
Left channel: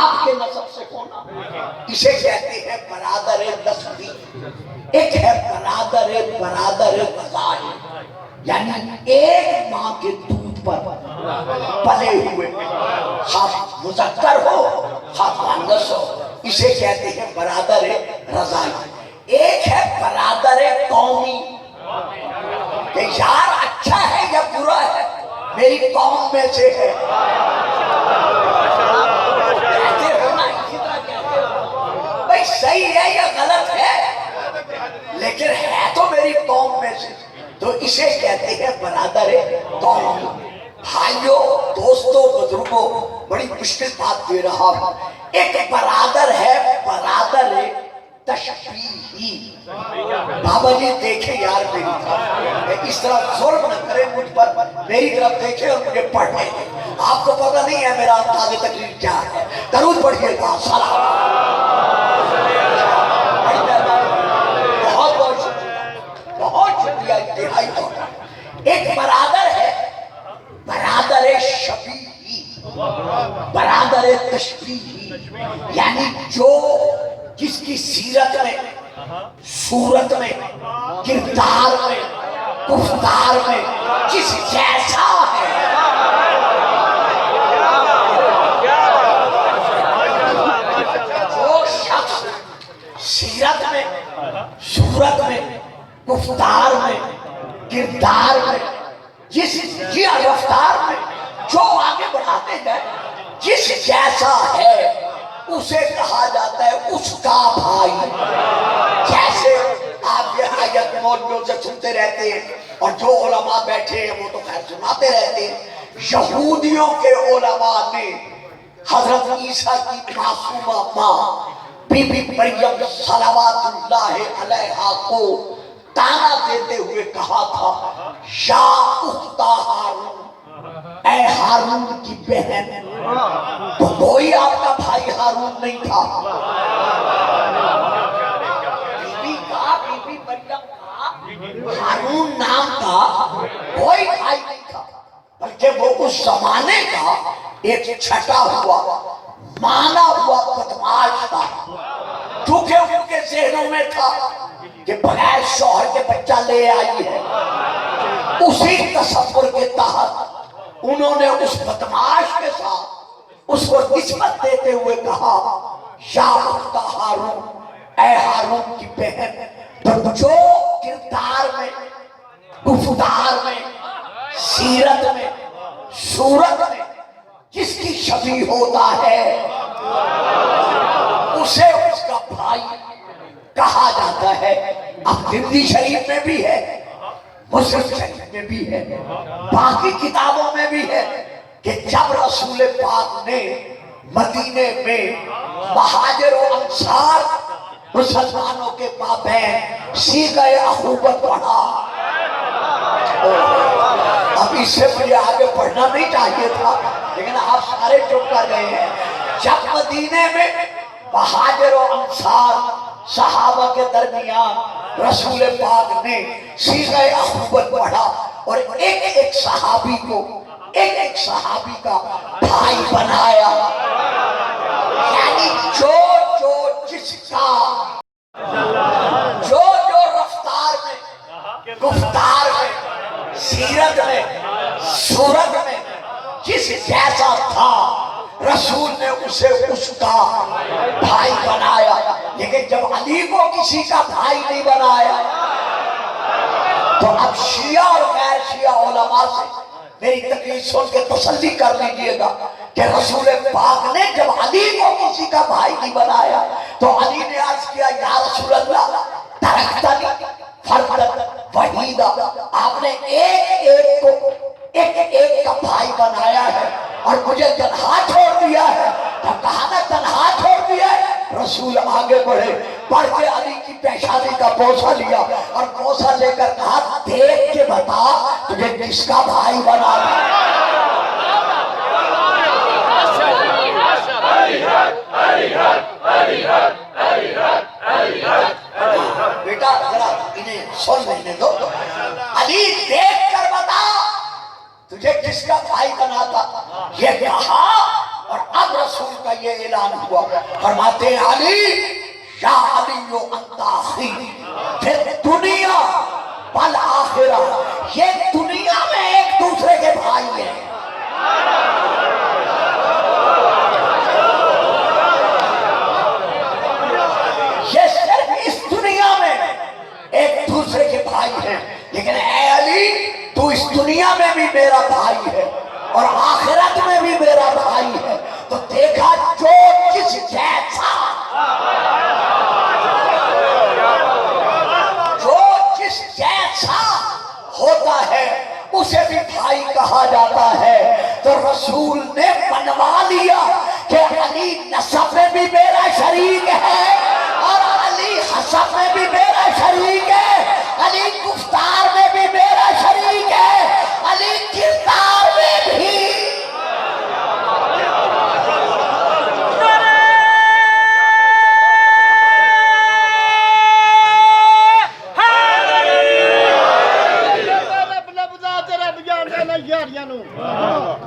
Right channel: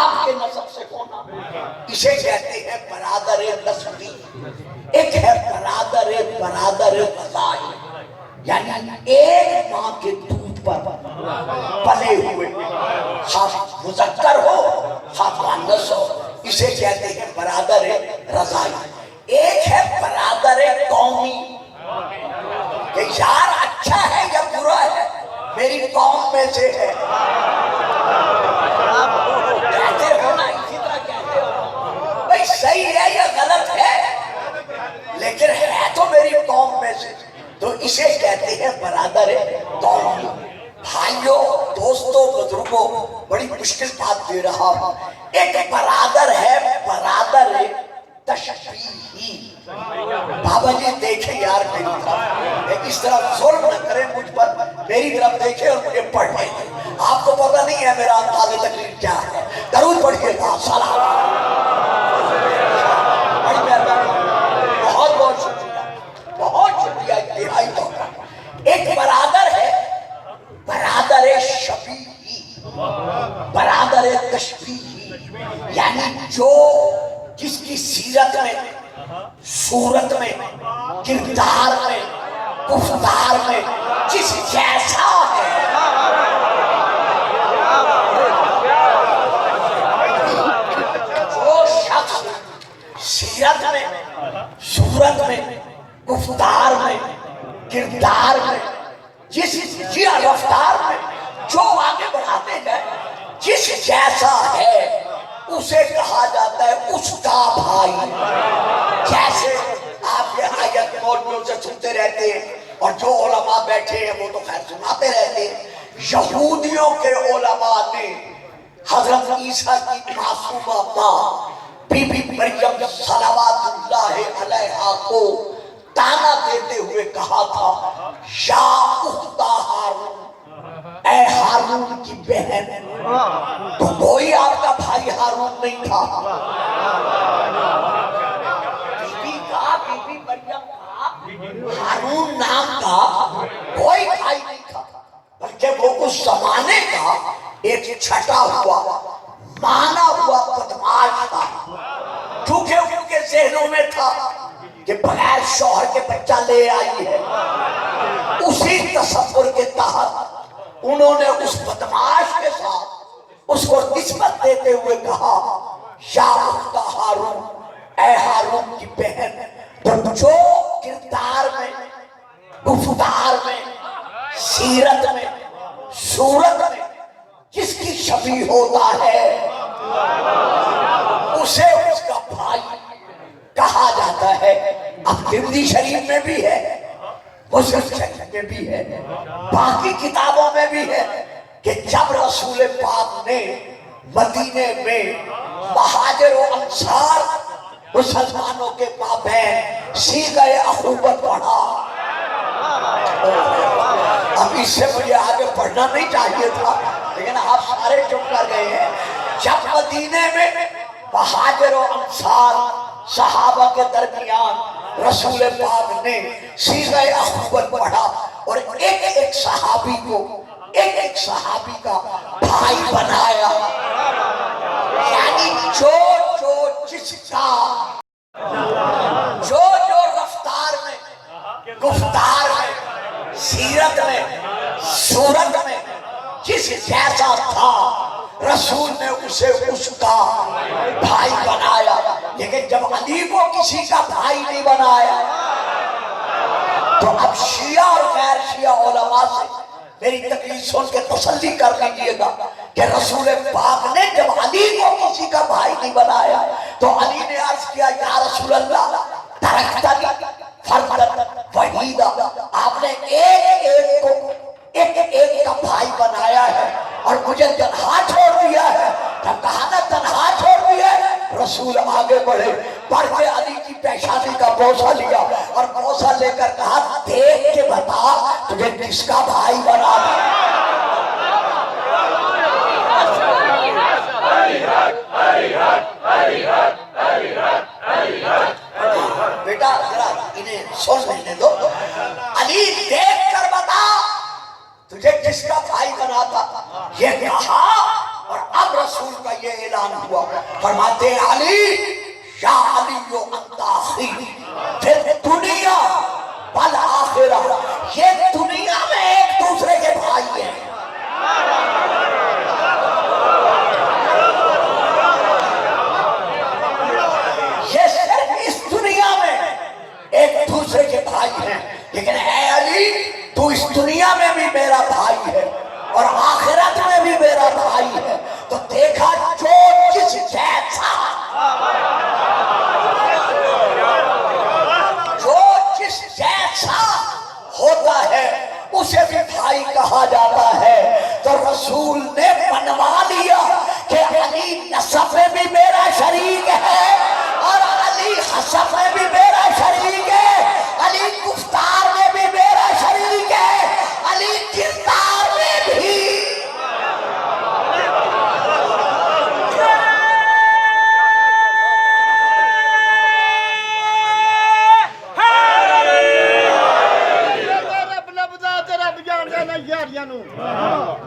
باپ کے نسب سے ہونا، اسے کہتے ہیں برادر نسبی۔ ایک ہے برادر رضائی، یعنی ایک ماں کے دودھ پر پلے ہوئے، خواہ مذکر ہو خواہ مؤنث ہو، اسے کہتے ہیں برادر رضائی۔ ایک ہے برادر قومی، کہ یار اچھا ہے یا برا ہے میری قوم میں سے ہے، کہتے ہو نا، اسی طرح کہتے ہو بھائی صحیح ہے یا غلط ہے لیکن ہے تو میری قوم میں سے، تو اسے کہتے ہیں برادر قومی۔ بھائیوں، دوستوں، بزرگوں، بڑی مشکل بات دے رہا ہوں۔ ایک برادر ہے برادر تشبیہی۔ بابا جی دیکھیں یار میری طرف، اس طرح ظلم نہ کریں مجھ پر، میری طرف دیکھیں اور مجھے پڑھیں۔ آپ کو پتہ نہیں ہے میرا انداز تقریر کیا ہے، درود پڑھیے گا، سلام۔ بہت بہت شکریہ، بہت شکریہ، انتہائی طور پر۔ ایک برادر ہے برادر شبیہی، برادر تشبیہی، یعنی جو جس کی سیرت میں، صورت میں، کردار میں، گفتار میں جس جیسا ہے، جو شخص سیرت میں، صورت میں، گفتار میں، کردار میں، جس رفتار میں جو آگے بڑھاتے ہیں جس جیسا ہے اسے کہا جاتا ہے اس کا بھائی۔ جیسے آپ یہ آیت موجود سے سنتے رہتے ہیں اور جو علماء بیٹھے ہیں وہ تو خیر سناتے رہتے ہیں، یہودیوں کے علماء نے حضرت عیسیٰ کی معصومہ ماں بی بی مریم صلوات اللہ علیہا کو تانا دیتے ہوئے کہا تھا، یا اخت ہارون، اے ہارون کی بہن۔ تو کوئی آپ کا بھائی ہارون نہیں تھا، بی بی مریم کا ہارون نام کا کوئی بھائی نہیں تھا، بلکہ وہ اس زمانے کا ایک چھٹا ہوا مانا ہوا بدماش تھا، کیونکہ ان کے ذہنوں میں تھا کہ بغیر شوہر کے بچہ لے آئی ہے۔ اسی تصور کے تحت انہوں نے اس بدماش کے ساتھ اس کو نسبت دیتے ہوئے کہا، یا اخت ہارون، اے ہارون کی بہن۔ تو جو کردار میں، گفتار میں، سیرت میں، صورت میں جس کی شبیہ ہوتا ہے اسے اس کا بھائی کہا جاتا ہے۔ اب ترمذی شریف میں بھی ہے، مسلم شریف میں بھی ہے، باقی کتابوں میں بھی ہے کہ جب رسول پاک نے مدینے میں مہاجر و انصار مسلمانوں کے مابین صیغہ اخوت پڑھا، اب اس سے مجھے آگے پڑھنا نہیں چاہیے تھا لیکن آپ سارے چپ کر گئے ہیں۔ جب مدینے میں مہاجر و انصار صحابہ کے درمیان رسول پاک نے صیغہ اخوت پڑھا اور ایک صحابی کو ایک صحابی کا بھائی بنایا، یعنی جو جس کا جو رفتار میں، گفتار میں، سیرت میں، صورت میں جس جیسا تھا رسول نے اسے اس کا بھائی بنایا۔ لیکن جب علی کو کسی کا بھائی نہیں بنایا تو اب شیعہ اور غیر شیعہ علماء سے میری تقریر سن کے تسلی کر لیجئے گا کہ رسول پاک نے جب علی کو کسی کا بھائی نہیں بنایا تو علی نے عرض کیا، یا رسول اللہ ترکتنی فردا وحیدا، آپ نے ایک کا بھائی بنایا ہے اور مجھے تنہا چھوڑ دیا ہے۔ جب کہا نا تنہا چھوڑ دیا ہے، رسول آگے بڑھے، بڑھ کے علی کی پیشانی کا بوسہ لیا اور بوسہ لے کر کہا، دیکھ کے بتا تجھے کس کا بھائی بنا دیا۔ بیٹا ذرا انہیں سن لینے دو، علی دیکھ کر بتا تجھے کس کا بھائی بنا تھا، یہ کہا اور اب رسول کا یہ اعلان اعلان ہوا، فرماتے ہیں علی یا علی انت اخی، پھر دنیا والآخرہ، یہ دنیا میں ایک دوسرے کے بھائی ہیں، یہ صرف اس دنیا میں ایک دوسرے کے بھائی ہیں، لیکن اے علی تو اس دنیا میں بھی میرا بھائی ہے اور آخرت میں بھی میرا بھائی ہے۔ تو دیکھا جو جس جیسا ہوتا ہے اسے بھی بھائی کہا جاتا ہے۔ تو رسول نے بنوا لیا کہ علی نسب میں بھی میرا شریک ہے اور علی حسب میں بھی میرا شریک ہے، علی گفتار میں بھی میرا شریک ہے، علی کردار میں بھی۔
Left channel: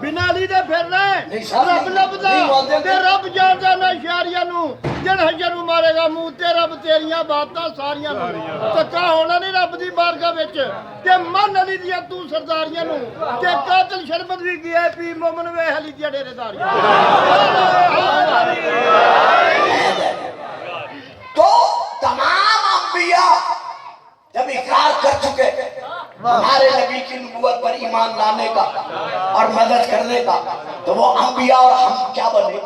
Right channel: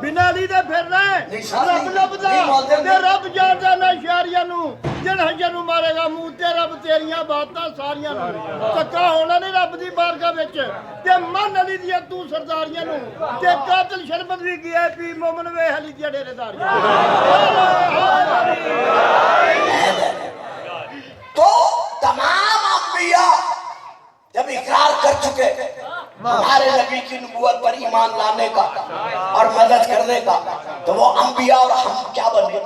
بنا علی دے پھر رہے رب لبدا تے رب جاندا نہ شہریاں نو جن حجر نو مارے گا منہ تے رب تیریاں باتاں ساریاں نو تکا ہونا نہیں رب دی بارگاہ وچ تے من علی دیاں تو سرداریاں نو تے قاتل شربت بھی گیا پی مومن وے علی دی ڈیرے دار۔ تو تمام انبیاء جب اقرار کر چکے ہمارے نبی کی نبوت پر ایمان لانے کا اور مدد کرنے کا، تو وہ انبیاء اور ہم کیا بنے؟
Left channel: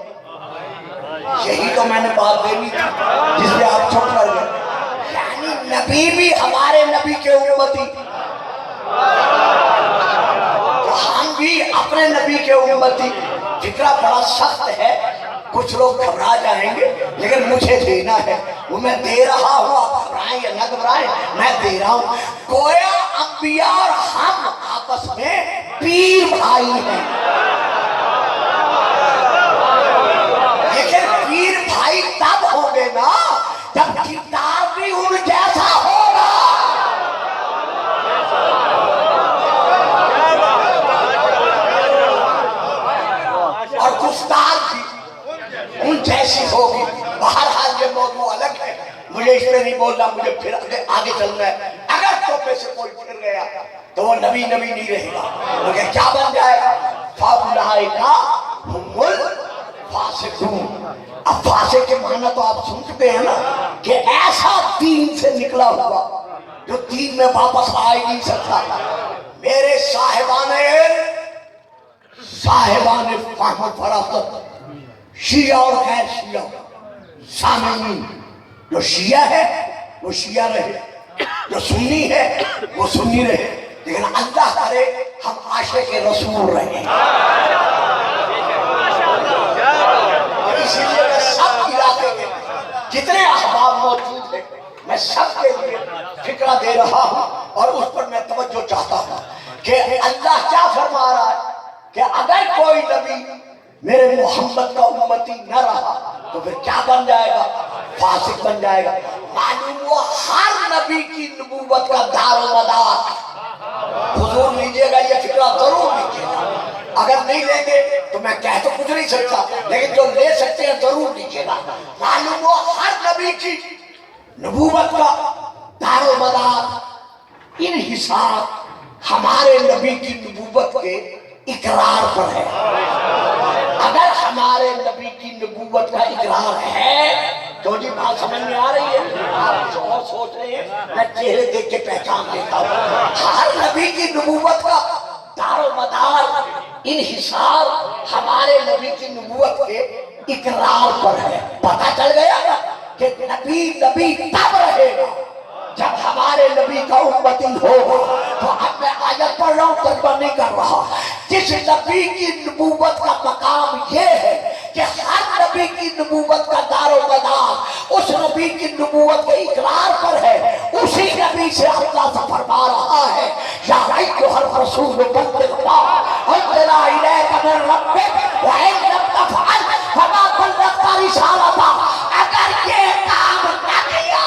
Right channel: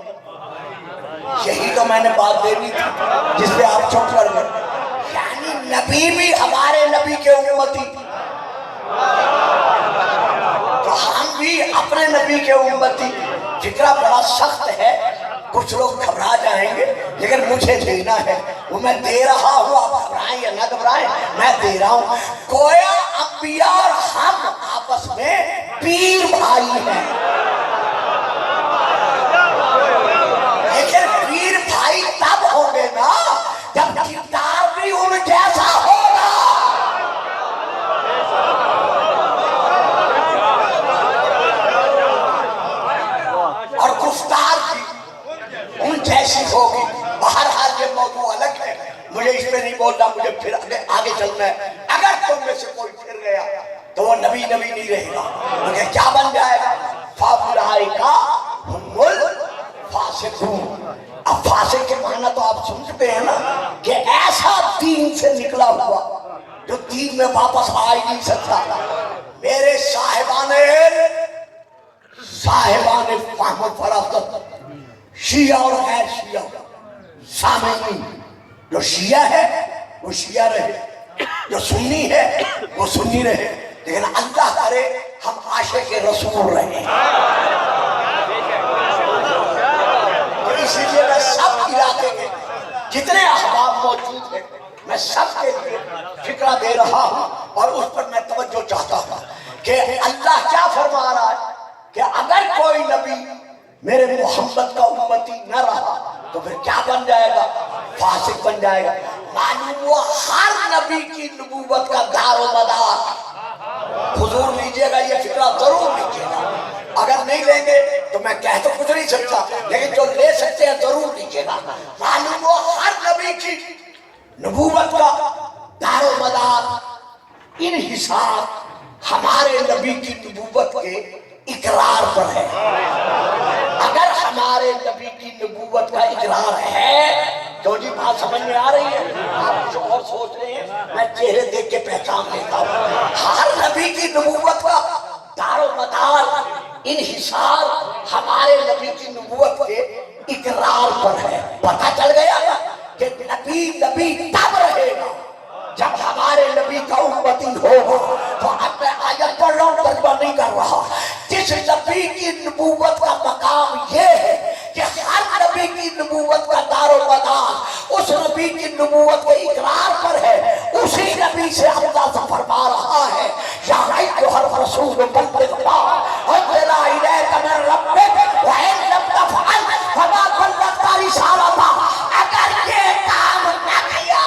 یہی تو میں نے بات دینی تھی جس سے آپ چپ کر گئے۔ یعنی نبی بھی ہمارے نبی کے امتی، تو ہم بھی اپنے نبی کے امتی۔ فکرہ بڑا سخت ہے، کچھ لوگ گھبرا جائیں گے، لیکن مجھے دینا ہے، وہ میں دے رہا ہوں، آپ گھبرائیں یا نہ گھبرائیں، میں دے رہا ہوں۔ گویا انبیاء اور ہم آپس میں پیر بھائی ہیں، لیکن پیر بھائی تب ہوں گے نا جب کردار بھی ان جیسا ہوگا۔ اور گفتار بھی ان جیسی ہوگی۔ بہرحال یہ موضوع الگ ہے، مجھے اس میں نہیں بولنا، مجھے پھر آگے چلنا ہے۔ اگر تم میں سے کوئی پھر گیا تو وہ نبی نہیں رہے گا، لیکن کیا بن جائے گا؟ فَأُولَٰئِكَ هُمُ الْفَاسِقُونَ۔ اب فاسق کے معنی تو آپ سن چکے ہیں نا، کہ ایسا دین سے نکلا ہوا جو دین میں واپس آ ہی نہیں سکتا۔ میرے صاحبان فہم و فراست، شیعہ اور غیر شیعہ سامعین، جو شیعہ ہے وہ شیعہ رہے، جو سنی ہے وہ سنی رہے، لیکن اللہ کرے ہم عاشق رسول رہے۔ اور اسی لیے میں سب علاقے میں جتنے احباب موجود ہیں میں سب کے لیے فکرہ دے رہا ہوں، اور اس پر میں توجہ چاہتا ہوں کہ اللہ کیا فرما رہا ہے کہ اگر کوئی نبی میرے محمد کا امتی نہ رہا تو پھر کیا بن جائے گا؟ فاسق بن جائے گا۔ معلوم ہوا ہر نبی کی نبوت کا دار و مدار، حضور لیجئے گا یہ فکرہ ضرور لیجئے گا، اگر نہیں لیں گے تو میں کہہ تو کچھ نہیں سکتا، لیکن جو لے سکتے ہیں ضرور لیجئے گا۔ معلوم ہوا ہر نبی کی نبوت کا دار و مدار انحصار ہمارے نبی کی نبوت کے اقرار پر ہے۔ اگر ہمارے نبی کی نبوت کا اقرار ہے تو جی بات سمجھ میں آ رہی ہے، آپ کچھ اور سوچ رہے ہیں، میں چہرے دیکھ کے پہچان لیتا ہوں۔ ہر نبی کی نبوت کا دار و مدار انحصار ہمارے نبی کی نبوت کے اقرار پر ہے۔ پتہ چل گیا نا کہ نبی تب رہے گا جب ہمارے نبی کا امتی ہوگا۔ تو اب میں آیت پڑھ رہا ہوں، ترجمہ نہیں کر رہا۔ جس نبی کی نبوت کا مقام یہ ہے کہ ہر نبی کی نبوت کا دار و مدار اس نبی کی نبوت کے اقرار پر ہے، اسی نبی سے اللہ سے فرما رہا ہے یا ایھا الرسول بلغ ما انزل الیک من ربک وان لم تفعل فما بلغت رسالتہ۔ اگر یہ کام نہ کیا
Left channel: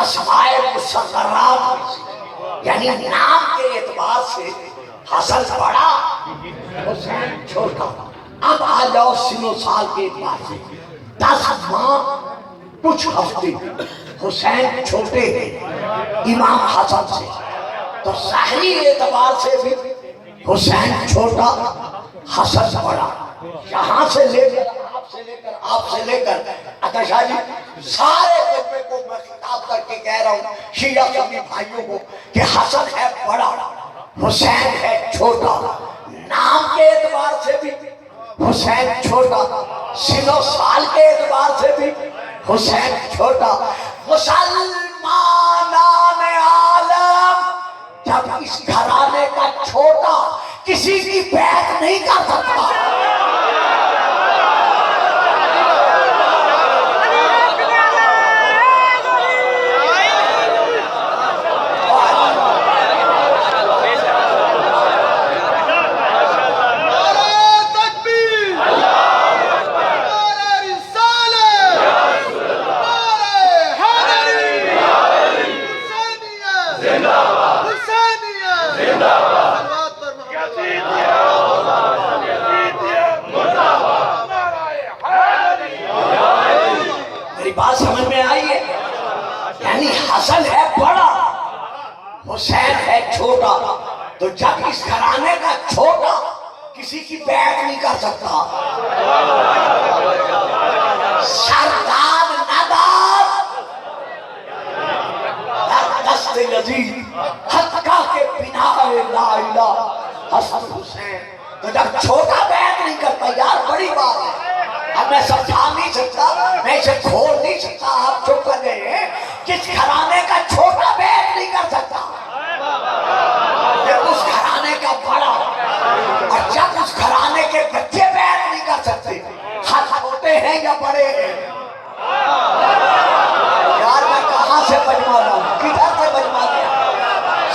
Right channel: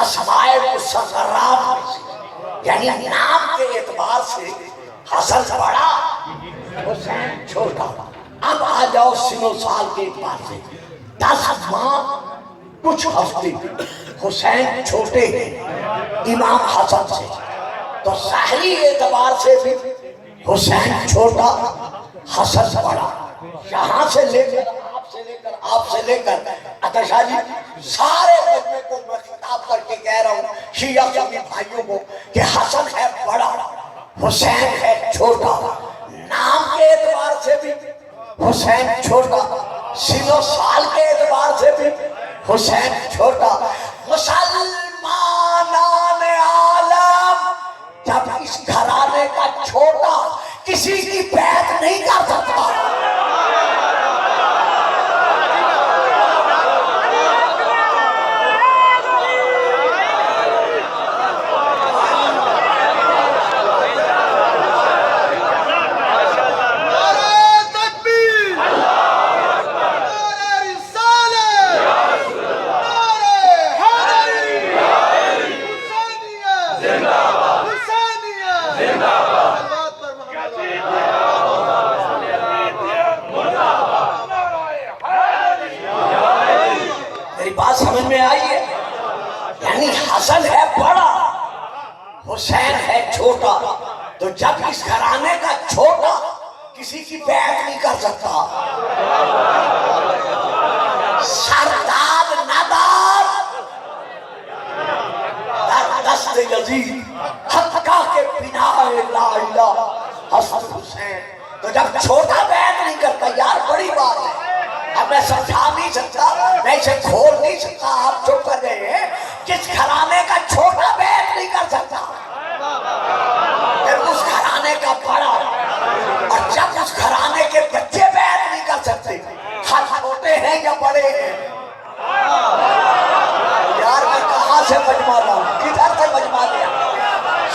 اسماء مصغرات میں سے، یعنی نام کے اعتبار سے حسن بڑا حسین چھوٹا۔ اب آ جاؤ سن و سال کے اعتبار سے، 10 ماہ کچھ ہفتے حسین چھوٹے ہیں امام حسن سے، تو ظاہری اعتبار سے بھی حسین چھوٹا حسن بڑا۔ یہاں سے لے کر آپ سے لے کر عطا شاہ جی سارے مجمع کو میں خطاب کر کے کہہ رہا ہوں شیعہ سنی بھائیوں کو کہ حسن ہے بڑا حسین ہے چھوٹا، نام کے اعتبار سے بھی حسین چھوٹا، سن و سال کے اعتبار سے بھی حسین چھوٹا۔ مسلمانان عالم جب اس گھرانے کا چھوٹا کسی کی بیعت نہیں کر سکتا، بات سمجھ میں آئی ہے؟ یعنی حسن ہے بڑا حسین ہے چھوٹا، تو جب اس گھرانے کا چھوٹا کسی کی بیعت نہیں کر سکتا، سردار نداب در دست یزید حقہ کے بنا لا الہ حسن حسین، تو جب چھوٹا بیعت نہیں کرتا یار بڑی بات ہے۔ اب میں سمجھا نہیں سکتا، میں اسے کھول نہیں سکتا، آپ چپ کر رہے ہیں۔ جس گھرانے کا چھوٹا بیعت نہیں کر سکتا پھر اس گھرانے کا بڑا، اور جب اس گھرانے کے بچے بیعت نہیں کر سکتے، ہر چھوٹے ہیں یا بڑے ہیں؟ یار میں کہاں سے مجمع لاؤں، کدھر سے مجمع لیا؟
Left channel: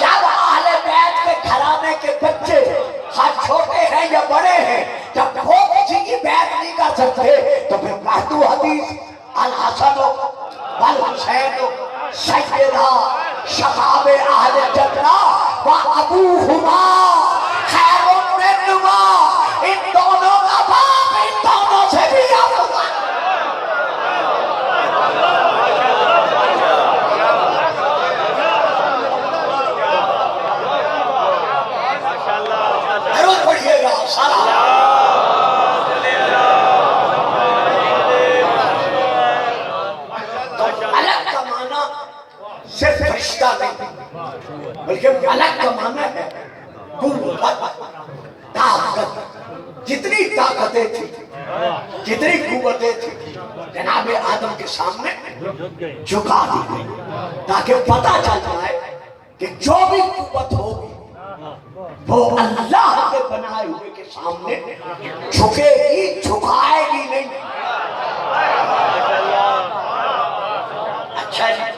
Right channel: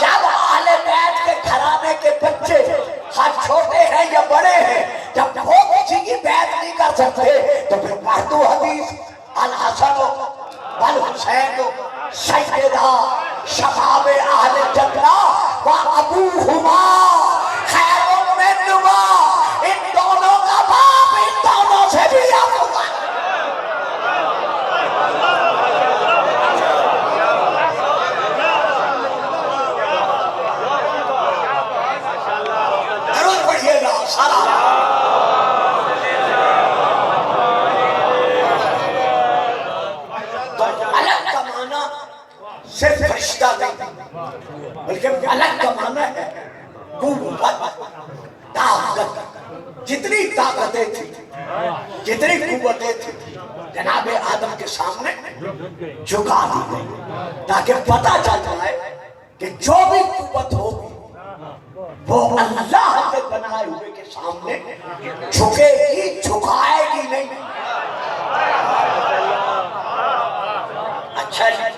جب اہل بیت کے گھرانے کے بچے ہر چھوٹے ہیں یا بڑے ہیں، جب وہ کسی کی بیعت نہیں کر سکتے تو پھر مہدو حدیث الحسن والحسین سیدہ شباب اہل جنہ و ابوہما خیر منہما، ان دونوں کا باپ ان دونوں سے بھی افضل۔ ضرور پڑھیے گا سارا۔ صرف فرشتہ نہیں بلکہ الگ کا معنی ہے قوت، طاقت۔ جتنی طاقتیں تھیں، جتنی قوتیں تھیں، جناب آدم کے سامنے جھکا دی گئی، تاکہ پتہ چل جائے کہ جو بھی قوت ہوگی وہ اللہ کے بنائے ہوئے کے سامنے جھکے گی، جھکائے گی نہیں۔ اچھا جی،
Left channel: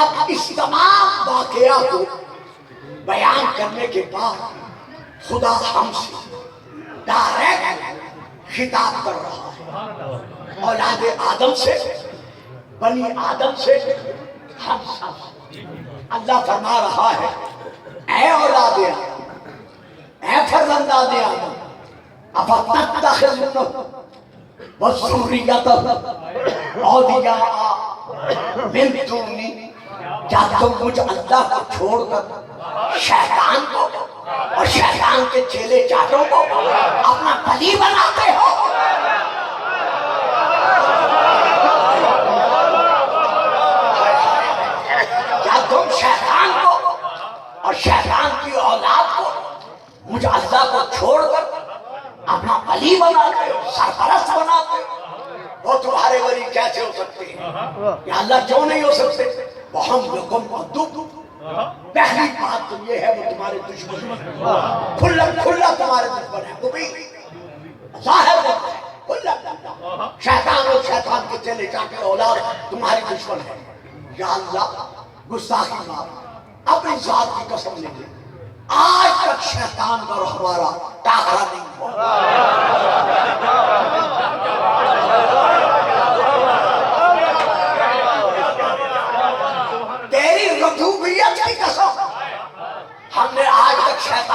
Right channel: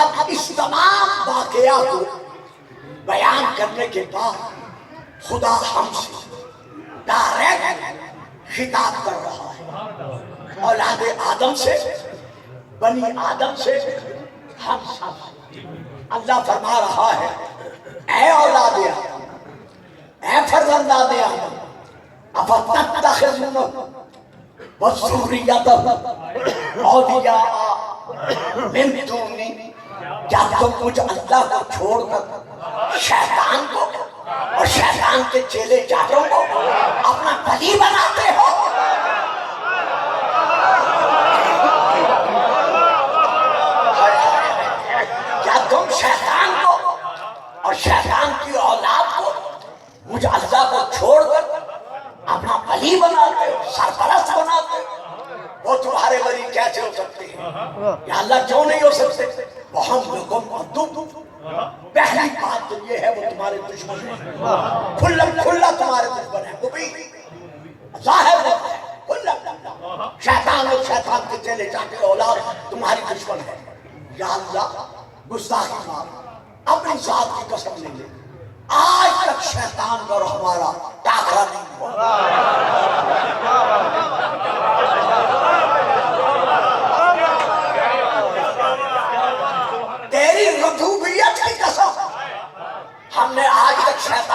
اب اس تمام واقعہ کو بیان کرنے کے بعد خدا ہم سے ڈائریکٹ خطاب کر رہا ہے، اولاد آدم سے، بنی آدم سے، ہم سب۔ اللہ فرما رہا ہے اے اولاد آدم، اے فرزندان آدم، افتتخذونہ وذریتہ اولیاء من دونی، کیا تم مجھ اللہ کو چھوڑ کر شیطان کو اور شیطان کے چیلے چاٹوں کو اپنا ولی بناتے ہو؟ کیا تم شیطان کو اور شیطان کی اولاد کو مجھ اللہ کو چھوڑ کر اپنا ولی بناتے ہو، سرپرست بناتے ہو؟ وہ تمہارے ولی کیسے ہو سکتے ہیں؟ یا اللہ کیوں نہیں ہو سکتے؟ وَهُمْ لَكُمْ عَدُوٌّ، پہلی بات تو یہ ہے وہ تمہارے دشمن ہیں، کھلا تمہارے دشمن ہیں، مبین ظاہر ہوتا ہے، کھلا شیطان اور شیطان کے چلے چاٹے اولاد تمہاری دشمن ہے۔ یا اللہ گستاخی مار، اپنی ذات کی قسم لے لے، آج تک شیطان اور ہمارا ٹاکرا نہیں ہوا۔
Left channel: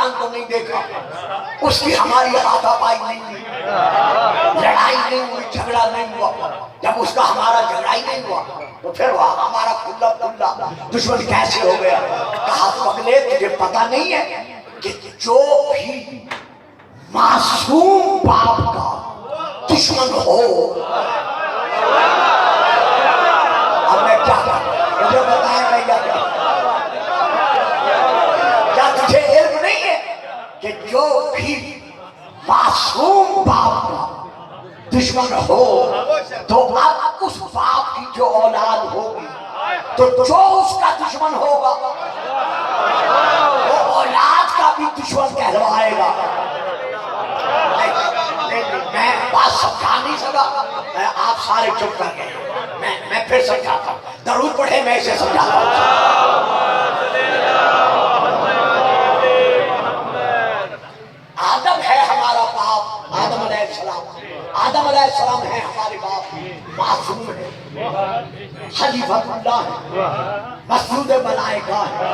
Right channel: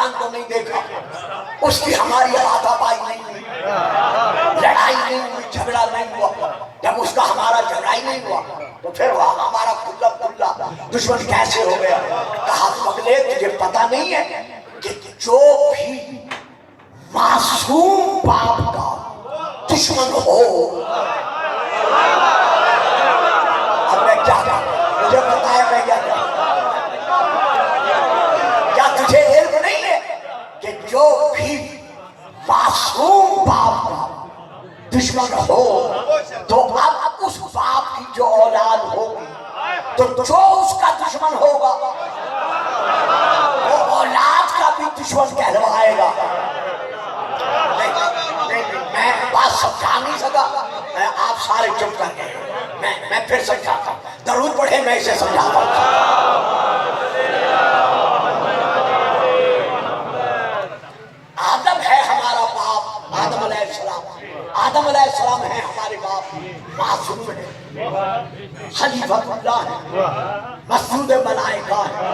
شیطان کو نہیں دیکھا، اس کی ہماری ہاتھا پائی نہیں ہوئی، لڑائی نہیں ہوئی، جھگڑا نہیں ہوا. جب اس کا ہمارا جھگڑا ہی نہیں ہوا تو پھر وہ ہمارا کھلا کھلا دشمن کیسے ہو گیا؟ کہا پگلے تجھے پتہ نہیں ہے کہ جو بھی معصوم باپ کا دشمن ہو، اب میں کیا کروں؟ مجھے بتایا میں کیا کروں؟ کیا تجھے علم نہیں ہے کہ جو بھی معصوم باپ کا دشمن ہو تو اب اس باپ کی جو اولاد ہوگی تو جو اس کا دشمن ہوگا وہ اولاد کا بھی دشمن کہلوائے گا. میں بات سمجھا نہیں سکا، آپ سارے چپ کر گئے. میں پھر سمجھاتا ہوں، درود پڑھے میں اسے سمجھاتا ہوں. آدم ہے ہمارا باپ، آدم علیہ السلام. آدم علیہ السلام ہے ہمارے باپ، معصوم ہے، خلیفۃ اللہ ہے، مسعود ملائکہ ہے.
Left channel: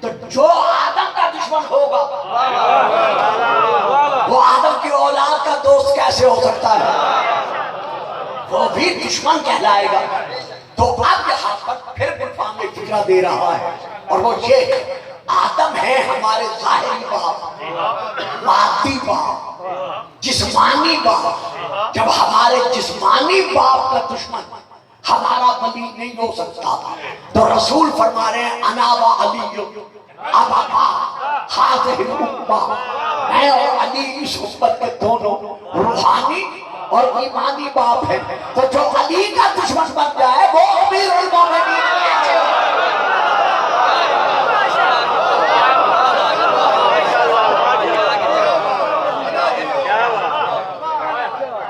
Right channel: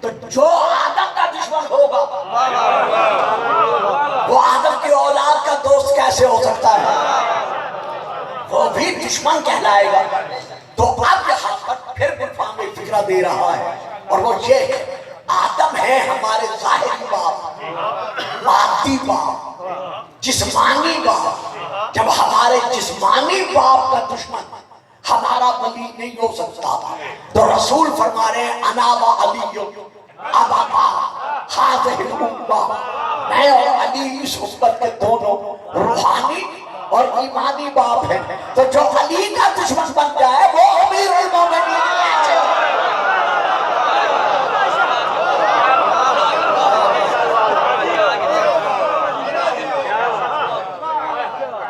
تو جو آدم کا دشمن ہوگا وہ آدم کی اولاد کا دوست کیسے ہو سکتا ہے؟ وہ بھی دشمن کہلائے گا. تو اب یہاں پر پھر گلفام فکرہ دے رہا ہے، اور وہ یہ آدم ہے ہمارے ظاہری باپ، مادی باپ، جسمانی باپ. جب ہمارے جسمانی باپ کا دشمن ہمارا ولی نہیں ہو سکتا تو رسول فرما رہے ہیں انا و علی ابا ہذہ الامہ، میں اور علی اس امت کے دونوں روحانی اور ایمانی باپ ہیں. تو جو علی کا دشمن بن جائے وہ امیر المومنین ہے.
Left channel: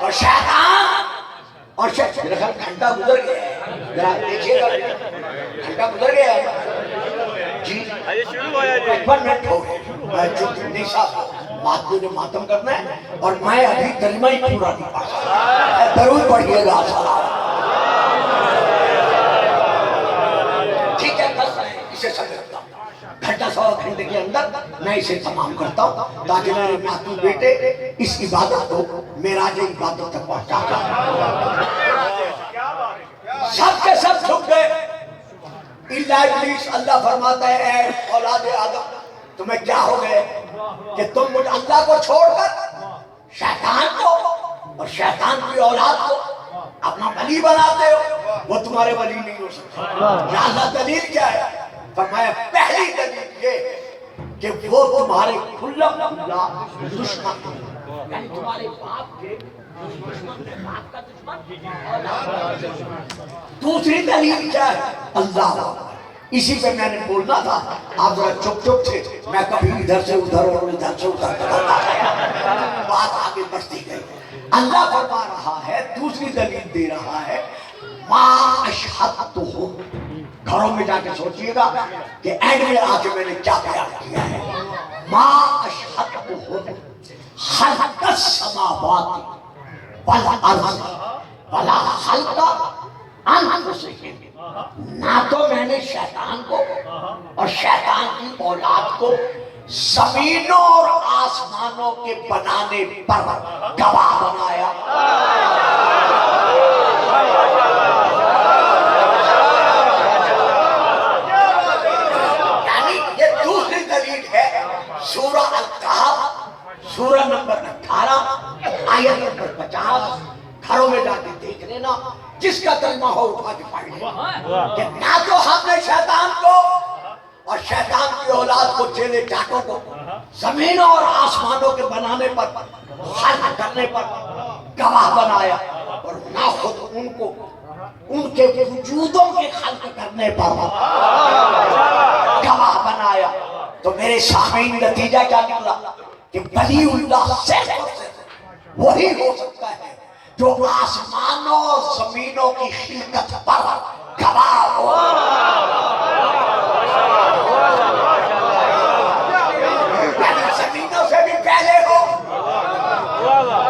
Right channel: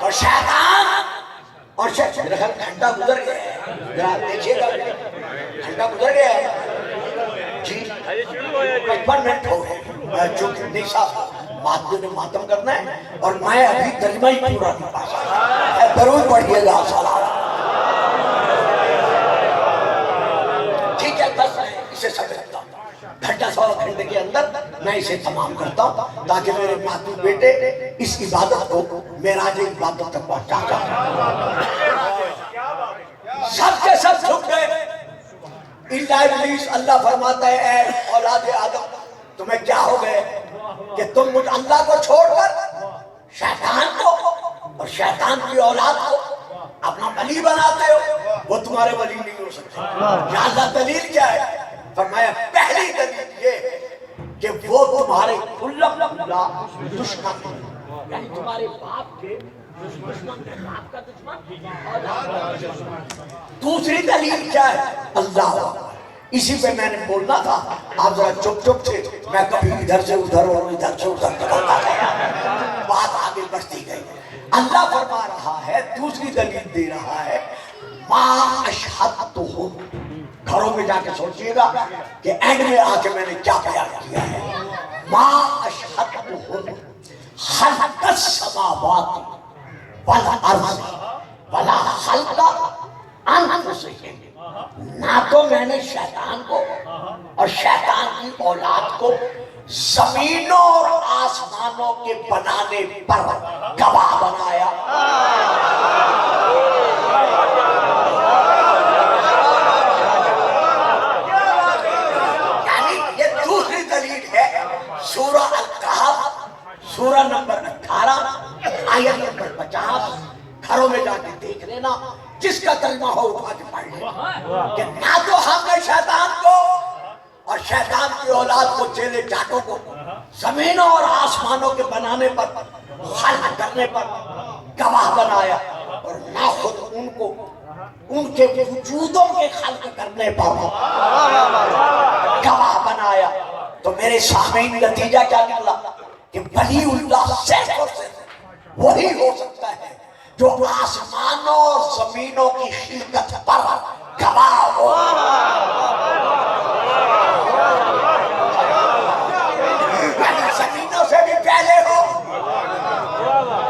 اور شیطان اور میرا خیال گھنٹہ گزر گیا، ذرا دیکھیے گا گھنٹہ گزر گیا ہے جی، 55 منٹ ہو گئے. جو نہیں صاحب بات کو جو ماتم کرنا ہے، اور میں ابھی ترجمہ ہی پورا نہیں پڑھا. درود پڑھیے گا. ٹھیک ہے، بس میں اسے سمجھتا ہوں. گھنٹہ سوا گھنٹے کے اندر میں اسے تمام کرتا ہوں تاکہ میرے محبوب بیٹے اس عبادت کو معراج عبادت تک پہنچا جائے. سب کے سب جھک گئے الا ابلیس. اللہ فرماتا ہے اے اولاد آدم تمہیں کیا ہو گئے کہ تم مجھ اللہ کو چھوڑ کر شیطان کو اور شیطان کی اولاد کو اپنا ولی بناتے ہو. وہ تمہارے ولی نہیں ہو سکتے. یا اللہ دلیل کیا ہے؟ فرمایا پہلی دلیل یہ کہ وہ تمہارے کھلا دشمن ہیں، یعنی تمہارے باپ کے دشمن ہے، باپ کا دشمن اولاد کا دشمن. دوسری دلیل کیا ہے؟ اللہ. اسی پہ میں نے بولنا تھا، آپ ذرا چپ چپ تھے، میں کبھی ادھر سے ادھر اور ادھر سے ادھر کرتا تھا، بات آگے بڑھتی گئی. اللہ فرما رہا ہے، دوسری دلیل دے رہا ہے ما اشہدتہم. گھروں میں جا کے سوچئے گا کہ اینڈ میں آ کے میں نے کیا بیان کیا ہے. ما اشہدتہم خلق السماوات والارض ولا خلق انفسہم. نہ تو میں نے شیطان کو اور شیطان کی اولاد کو زمینوں اور آسمانوں کے بنانے پر گواہ بنایا. یعنی یہ دوسری دلیل ہے. سورہ الکہف سورہ نمبر 18 آیت نمبر 50. گھروں میں جا کے دیکھ لینا، جس کا ترجمہ ہو اٹھا کے پڑھ لیا کہ نہ تو ہم نے شیطان کو اور شیطان کی اولاد کو چیلے چاٹوں کو زمینوں اور آسمانوں کے بنانے پر خلق کرنے پر گواہ بنایا، اور نہ خود ان کو ان کے وجودوں کے خلق کرنے پر گواہ بنایا. تو میرے سامعین نتیجہ کیا نکلا کہ ولی اللہ صرف وہی ہو سکتا ہے جو آسمانوں اور زمینوں کی خلقت پر گواہ ہو. یعنی زمینوں سے بھی پہلے ہو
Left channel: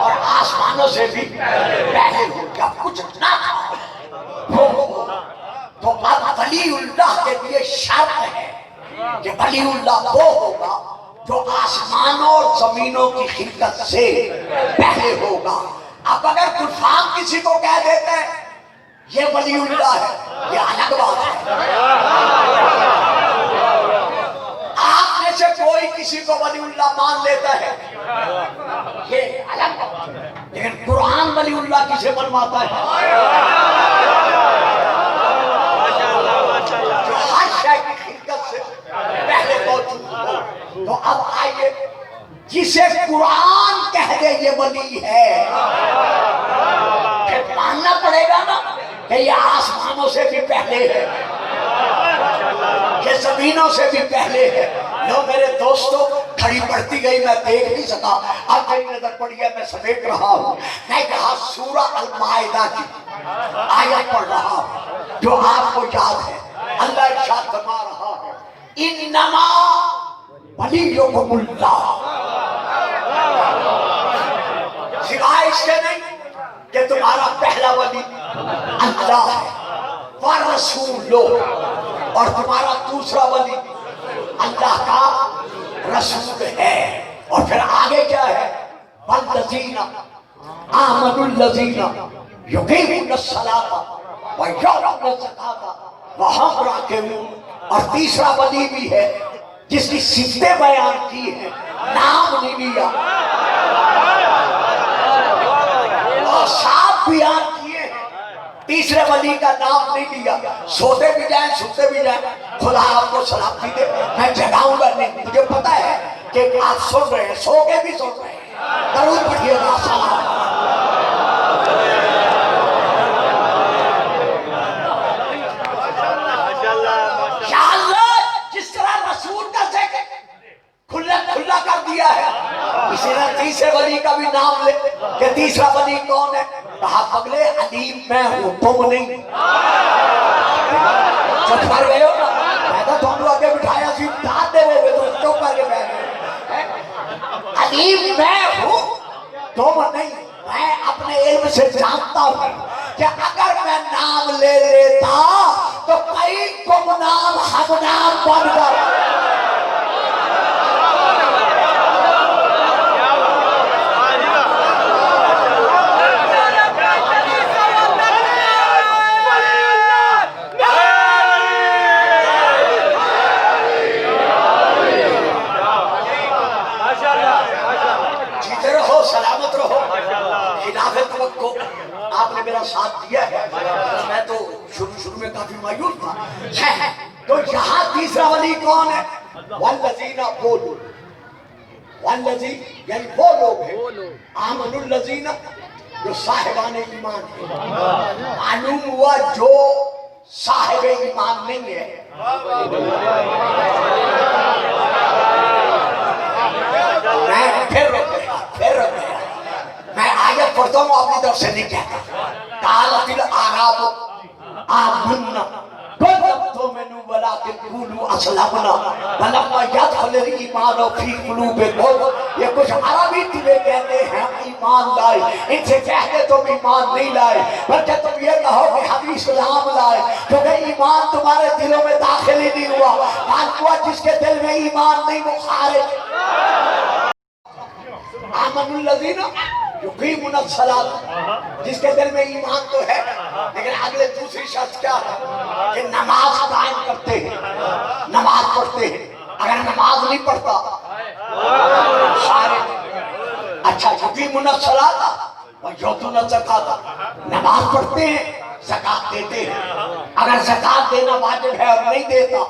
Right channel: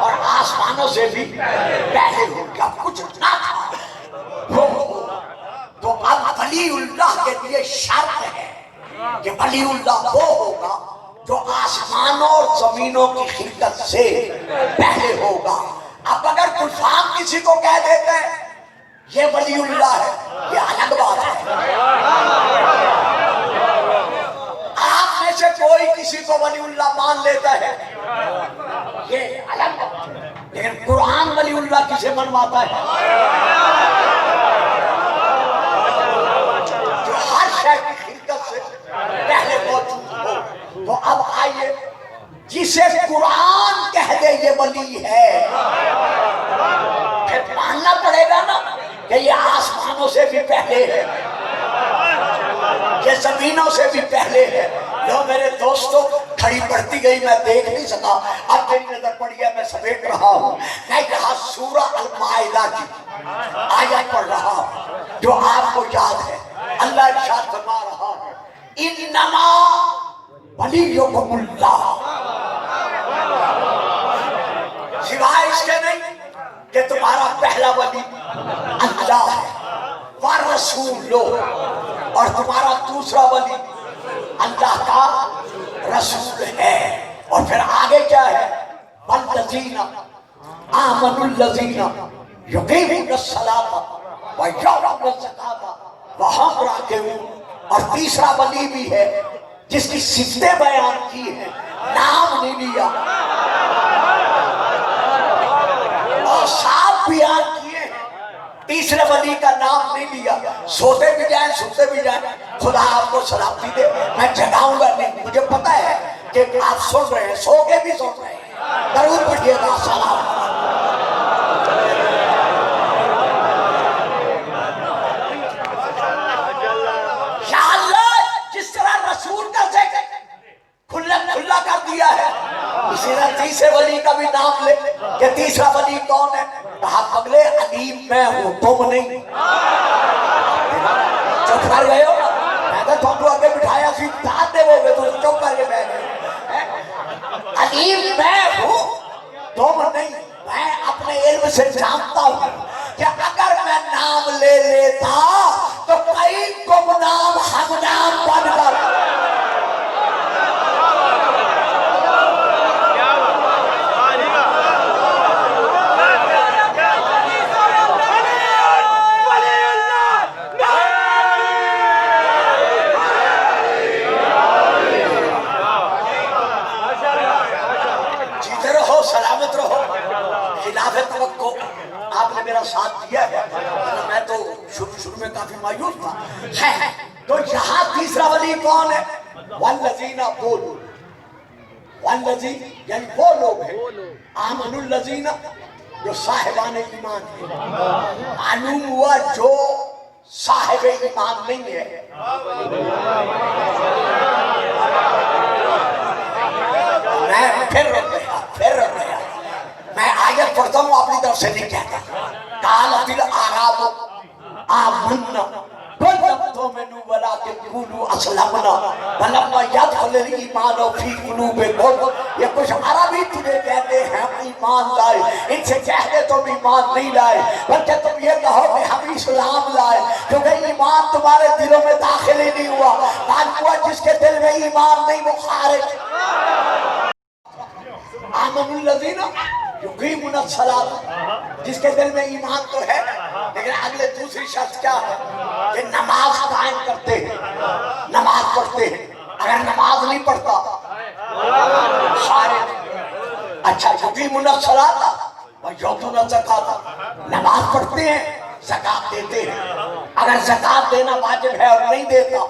اور آسمانوں سے بھی پہلے ہو. جب کچھ نہ تھا ہو تو اب ولی اللہ کے لیے شرط ہے کہ ولی اللہ وہ ہوگا جو آسمانوں اور زمینوں کی خلقت سے پہلے ہوگا. اب اگر کفار کسی کو کہہ دیتا ہے یہ ولی اللہ ہے، یہ الگ بات ہے. آپ میں سے کوئی کسی کو ولی اللہ مان لیتا ہے، یہ الگ بات ہے. لیکن قرآن ولی اللہ کسے منواتا ہے؟ جو ہر شے کی خلقت سے پہلے موجود ہو. تو اب آئیے، جسے قرآن کہہ دے یہ ولی ہے، پھر ماننا پڑے گا نا کہ یہ آسمانوں سے بھی پہلے ہے، یہ زمینوں سے بھی پہلے ہے. لو میرے دوستو، کھڑی پڑتی گئی، میں دیکھ نہیں سکا. اب میری نظر پڑی ہے، میں سمیٹ رہا ہوں. میں کہا سورہ المائدہ کی آیت پڑھ رہا ہوں جو آپ کو یاد ہے. اللہ ارشاد فرما رہا ہے انما ولیکم اللہ، سوائے اس کے نہیں کہ تمہارا پہلا ولی اللہ ہے، ورسول، اور تمہارا دوسرا ولی اللہ کا رسول ہے. اور پھر آگے کیا ہے؟ والذین آمنوا الذین یقیمون الصلاۃ ویؤتون الزکاۃ وہم راکعون. اور تیسرا ولی بھی ہے جس کی صفتیں بیان کی ہیں، نام نہیں لیا اور صاحب بیان کیے ہیں. تیسرے ولی کا نام نہیں لیا. سوتے بھی جائیں سوتے بھی جائیں، خدا آپ کو سلامتی دے، میں جگاؤں گا نہیں. مجھے پتا ہے کہ آپ سن رہے ہیں، سو کے بھی سن رہے ہیں. درود پڑھیے گا. سلام. یا اللہ، جس طرح رسول کا ذکر کھلا کھلا کر دیا ہے، اسی طرح تیسرے ولی کا بھی نام لے کہ تیسرا ولی کون ہے. کہا اگلے علیم میں ہوں، تم نہیں. چپ کر گئے ہو نا. میں تو تم کو آگے بٹھایا سی داد دے وہ تو چپ کر کے بیٹھ گئے. علیم میں ہوں، تم نہیں. میں اپنے علم سے جانتا ہوں کہ اگر میں نام لے لیتا تو کئی گمنام ہم نام بن کر آپ نے میرا ساتھ دیا ہے. میں تو شروع میں کافی مایوس تھا. تو یہاں تیسرا ولی کون ہے؟ والذین، وہ لوگ، والذین یعنی وہ لوگ ہیں آمنوا الذین جو صاحبان ایمان ہیں. معلوم ہوا جو صاحب ایمان نہیں ہے. میں پھر رک گیا. میں آیت پڑھتا ہوں، اپنی طرف سے نہیں کہتا. قالت الاعراب آمنا قل لم تؤمنوا ولكن قولوا اسلمنا ولما يدخل الايمان في قلوبكم. یہ کچھ عربی تجھے کہتے ہیں ایمان لائے، ان سے کہتے تم ایمان نہیں لائے، بلکہ تم یہ کہو کہ ہم اسلام لائے، کیونکہ ایمان تمہارے دلوں میں داخل ہی نہیں ہوا. معلوم ہوا جس کے دل میں ایمان نہیں وہ خارج. آمنوا الذین یقیمون الصلاۃ، جس کے دل میں ایمان تو ہے لیکن اگلے دوسری شرط کیا ہے کہ نماز قائم کرتے ہیں، نماز پڑھتے ہیں. اگر نماز نہیں پڑھتا خارج. اچھا، یقیمون الصلاۃ ویؤتون الزکاۃ، نماز پڑھتے ہیں، زکات دیتے ہیں. اگر زکات دینا واجب ہے اور نہیں دیتا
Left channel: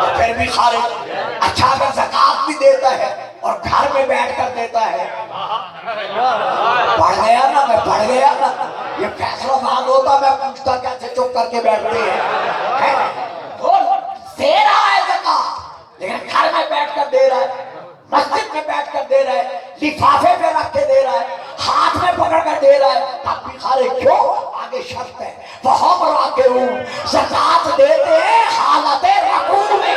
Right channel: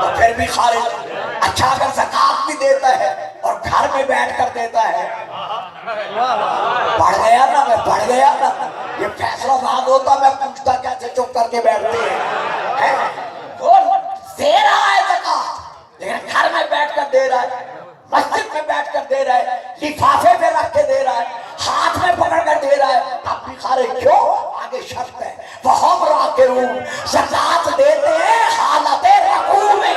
تو پھر بھی خارج. اچھا، اگر زکات بھی دیتا ہے اور گھر میں بیٹھ کر دیتا ہے، پڑھ گیا نا، میں پڑھ گیا نا. یہ فیصلہ بات ہوتا میں پوچھتا کیسے چپ کر کے بیٹھتے ہیں. وہ دے رہا ہے زکات لیکن گھر میں بیٹھ کر دے رہا ہے، مسجد میں بیٹھ کر دے رہا ہے، لفافے پہ رکھ کے دے رہا ہے، ہاتھ میں پکڑ کر دے رہا ہے، اب بھی خارج. کیوں؟ آگے شرط ہے وہم راکعون، زکات دیتے ہیں حالت رکوع میں.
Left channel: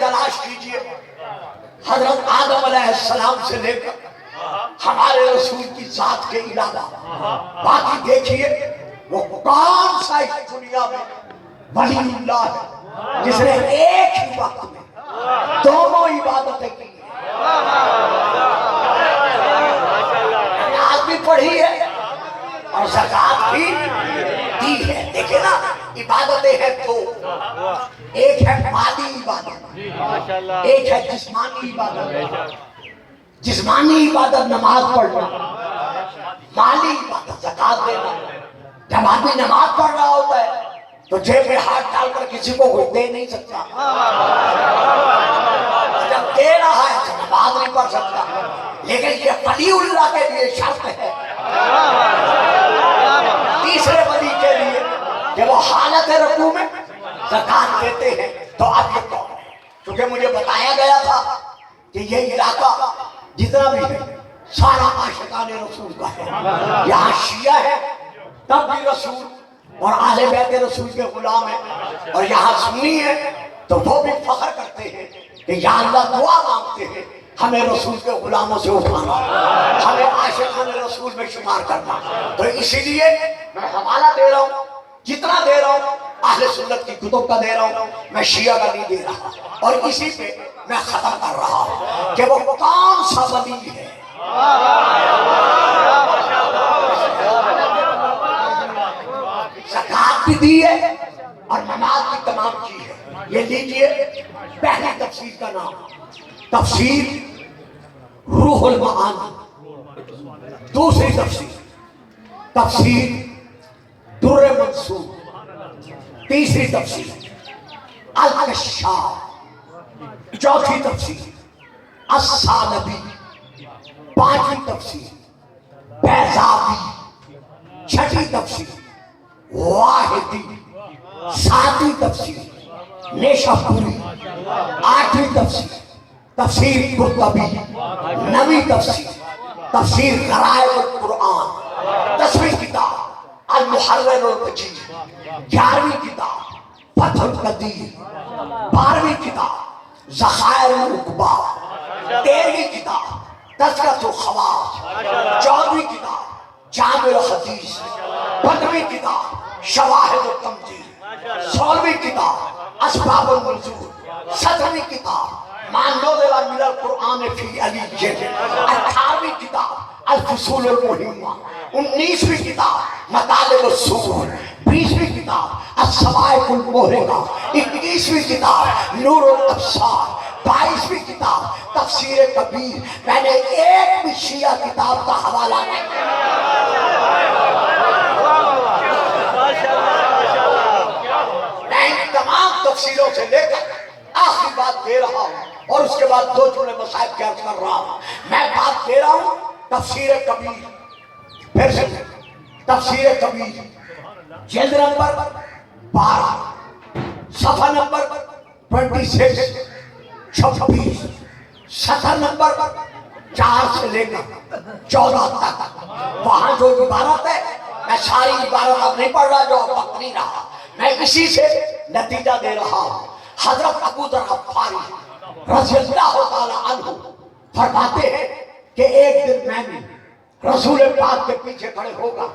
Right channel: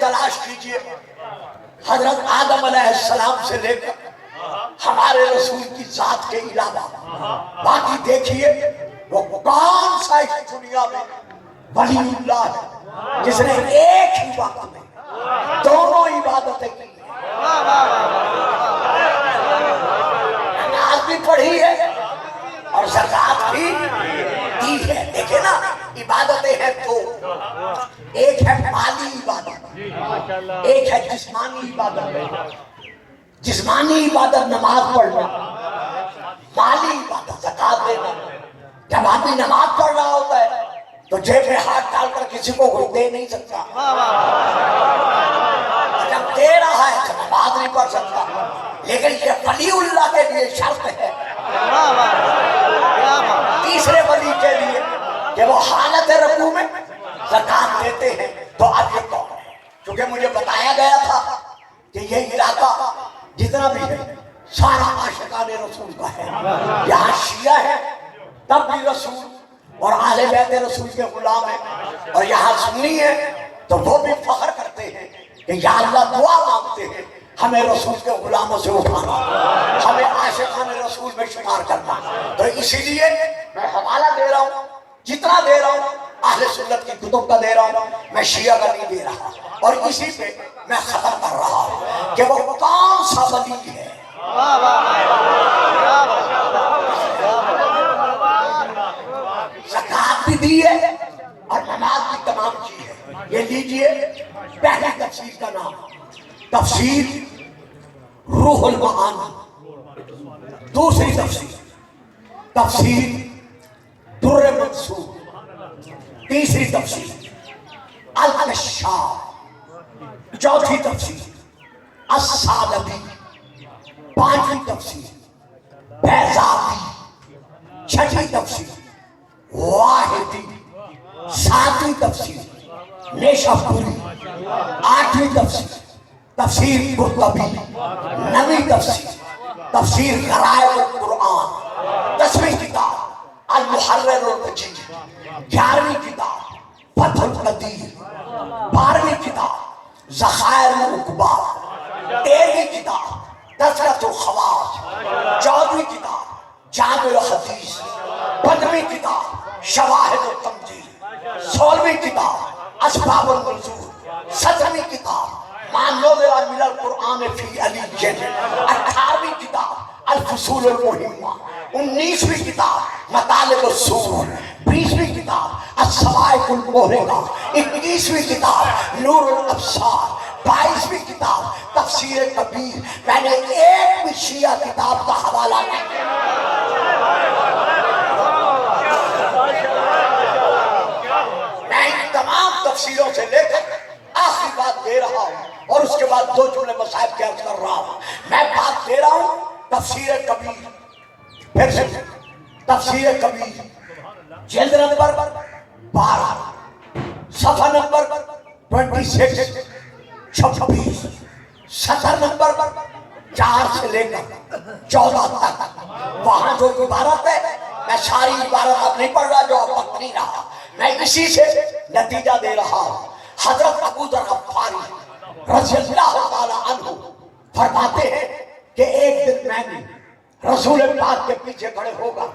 تلاش کیجئے حضرت آدم علیہ السلام سے لے کر ہمارے رسول کی ذات کے علاوہ باقی دیکھیے وہ کون سا اس دنیا میں ولی اللہ ہے جس نے ایک ہی وقت میں دونوں عبادتیں کی، نماز بھی پڑھی ہے اور زکات بھی دی ہے۔ دیکھیں نا عبادتیں ہیں تو ایک ہے مالی عبادت، ایک ہے جسمانی عبادت۔ جسمانی عبادت نماز پڑھنا، مالی عبادت زکات دینا۔ جب آدمی نماز پڑھ رہا ہوتا ہے تو جیب میں ہاتھ ڈال کر کسی کو کوئی دے نہیں سکتا، جب دے رہا ہے تو نماز نہیں پڑھ سکتا۔ لیکن یہ ولی اللہ کے لیے شرط ہے، تیسرے ولی کے لیے کہ وہ حالت رکوع میں زکات دیتے ہیں۔ تو اب یہ کون ہے؟ کیونکہ مجھے بتایا گیا تھا کہ یہ علاقہ جتنا بھی ہے سارا عاشقان رسول کا ہے، یہاں شیعہ ہے تب بھی رسول اور اہل بیت رسول کے غلام ہیں، اور یہاں سنی ہے تو وہ بھی فخر کرتے ہیں کہ یا اللہ دعا مانگتے ہیں ہمیں رسول کے غلاموں سے اٹھانا، ہمیں عاشقان رسول میں شمار کرنا۔ تو اسی لیے میں حوالہ دے رہا ہوں، جتنا دے رہا ہوں اہل سنت کی کتب کا دے رہا ہوں، میں شیعہ کا نہیں دے رہا، اور اسی پہ میں ختم کر رہا ہوں کہ وہ کون سا ولی ہے۔ زکات بھی دی ہے اور نماز بھی تمام کی ہے۔ یہ لیجئے پہلی تفسیر کا نام تفسیر روح المعانی، دوسری تفسیر در منصور، تیسری تفسیر الکشاف، چوتھی تفسیر الثعلبی، پانچویں تفسیر بیضاوی، چھٹی تفسیر واحدی، ساتویں تفسیر نیشاپوری، آٹھویں تفسیر قرطبی، نویں تفسیر غرائب القرآن، 10ویں کتاب المحرر المجید، 11ویں کتاب فتح القدیر، 12ویں کتاب ذخائر العقبہ، 13ویں کتاب تذکرۃ الخواص، 14ویں کتاب جامع الحدیث، 15ویں کتاب شواہد التمجید، 16ویں کتاب اسباب النزول، 17ویں کتاب ما نزل من القرآن فی علی، 18ویں کتاب الفصول المہمہ، 19ویں کتاب مطالب الصور، 20ویں کتاب الصواعق المہرقہ، 21ویں کتاب نور الابصار، 22ویں کتاب تفسیر کبیر۔ میں نے ایک بھی شیعہ کتاب کا حوالہ نہیں۔ میں ان تمام تفسیروں سے لے کر آخری بات دے رہا ہوں، اور اس کے بعد 2 جملے مصائب کے عرض کر رہا ہوں۔ میں بات دے رہا ہوں تفسیر کبیر، پھر سے تفسیر کبیر، جلد نمبر 12، صفحہ نمبر 26، 26، سطر نمبر 4 سے لے کر 14 تک۔ وہاں جو عبارت ہے میں ساری عبارت اب نہیں پڑھ رہا، جو وقت نہیں رہا، میں اسی سے نتیجہ دے رہا ہوں۔ حضرت ابو ذر غفاری رضی اللہ تعالیٰ عنہ فرماتے ہیں کہ ایک دن میں نے رسول پاک کے پیچھے کھڑے ہوگا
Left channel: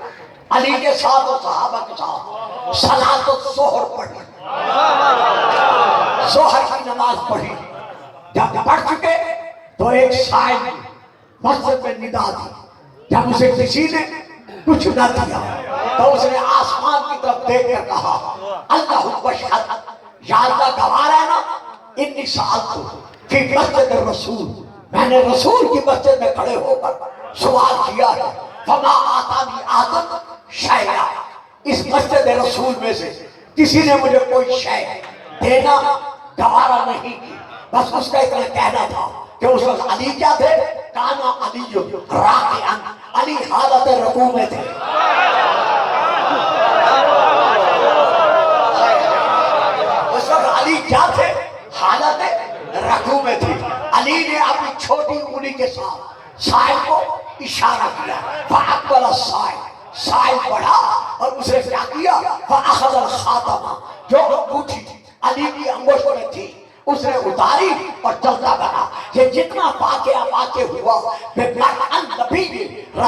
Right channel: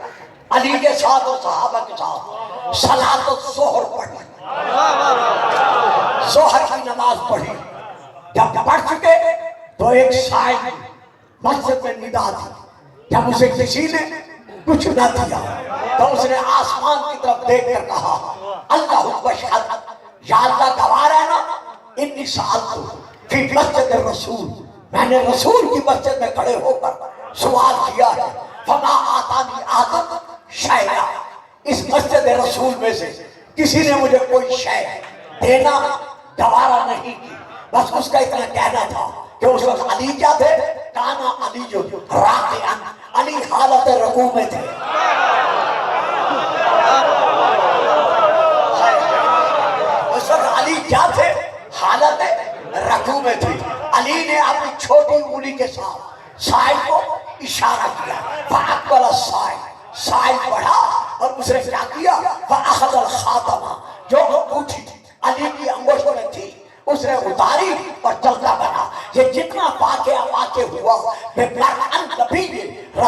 علی کے ساتھ اور صحابہ کے ساتھ صلاۃ الظہر پڑھی، ظہر کی نماز پڑھی۔ جب پڑھ چکے تو ایک سائل مسجد میں ندا دی، جب اسے کسی نے کچھ نہ دیا تو اس نے آسمان کی طرف دیکھ کر کہا اللہ اشہد، یا اللہ گواہ ہے نا، انی سألت فی مسجد الرسول، میں نے رسول کی مسجد میں کھڑے ہو کر سوال کیا ہے، فما آتانی آدم شیئا، اس مسجد رسول میں سے کسی نے مجھے کوئی شے دینا گوارا نہیں کی۔ بس اس کا اتنا کہنا تھا کہ اس وقت علی کیا تھے، کانا علی راکعا، علی حالت رکوع میں تھے۔ اس وقت علی کیا تھے، حالت رکوع میں تھے۔ علی نے اپنی چھوٹی انگلی کے ساتھ سائل کو اشارہ کیا، فَأَقْبَلَ السَّائِلُ، سائل بڑھا اور اس نے کیا کیا، فَأَخَذَ الْخَاتَمَ، جو انگوٹھی علی کی انگوشت میں تھی اس نے اتاری اور چلتا بنا۔ یہ جتنا واقعہ ہوا بے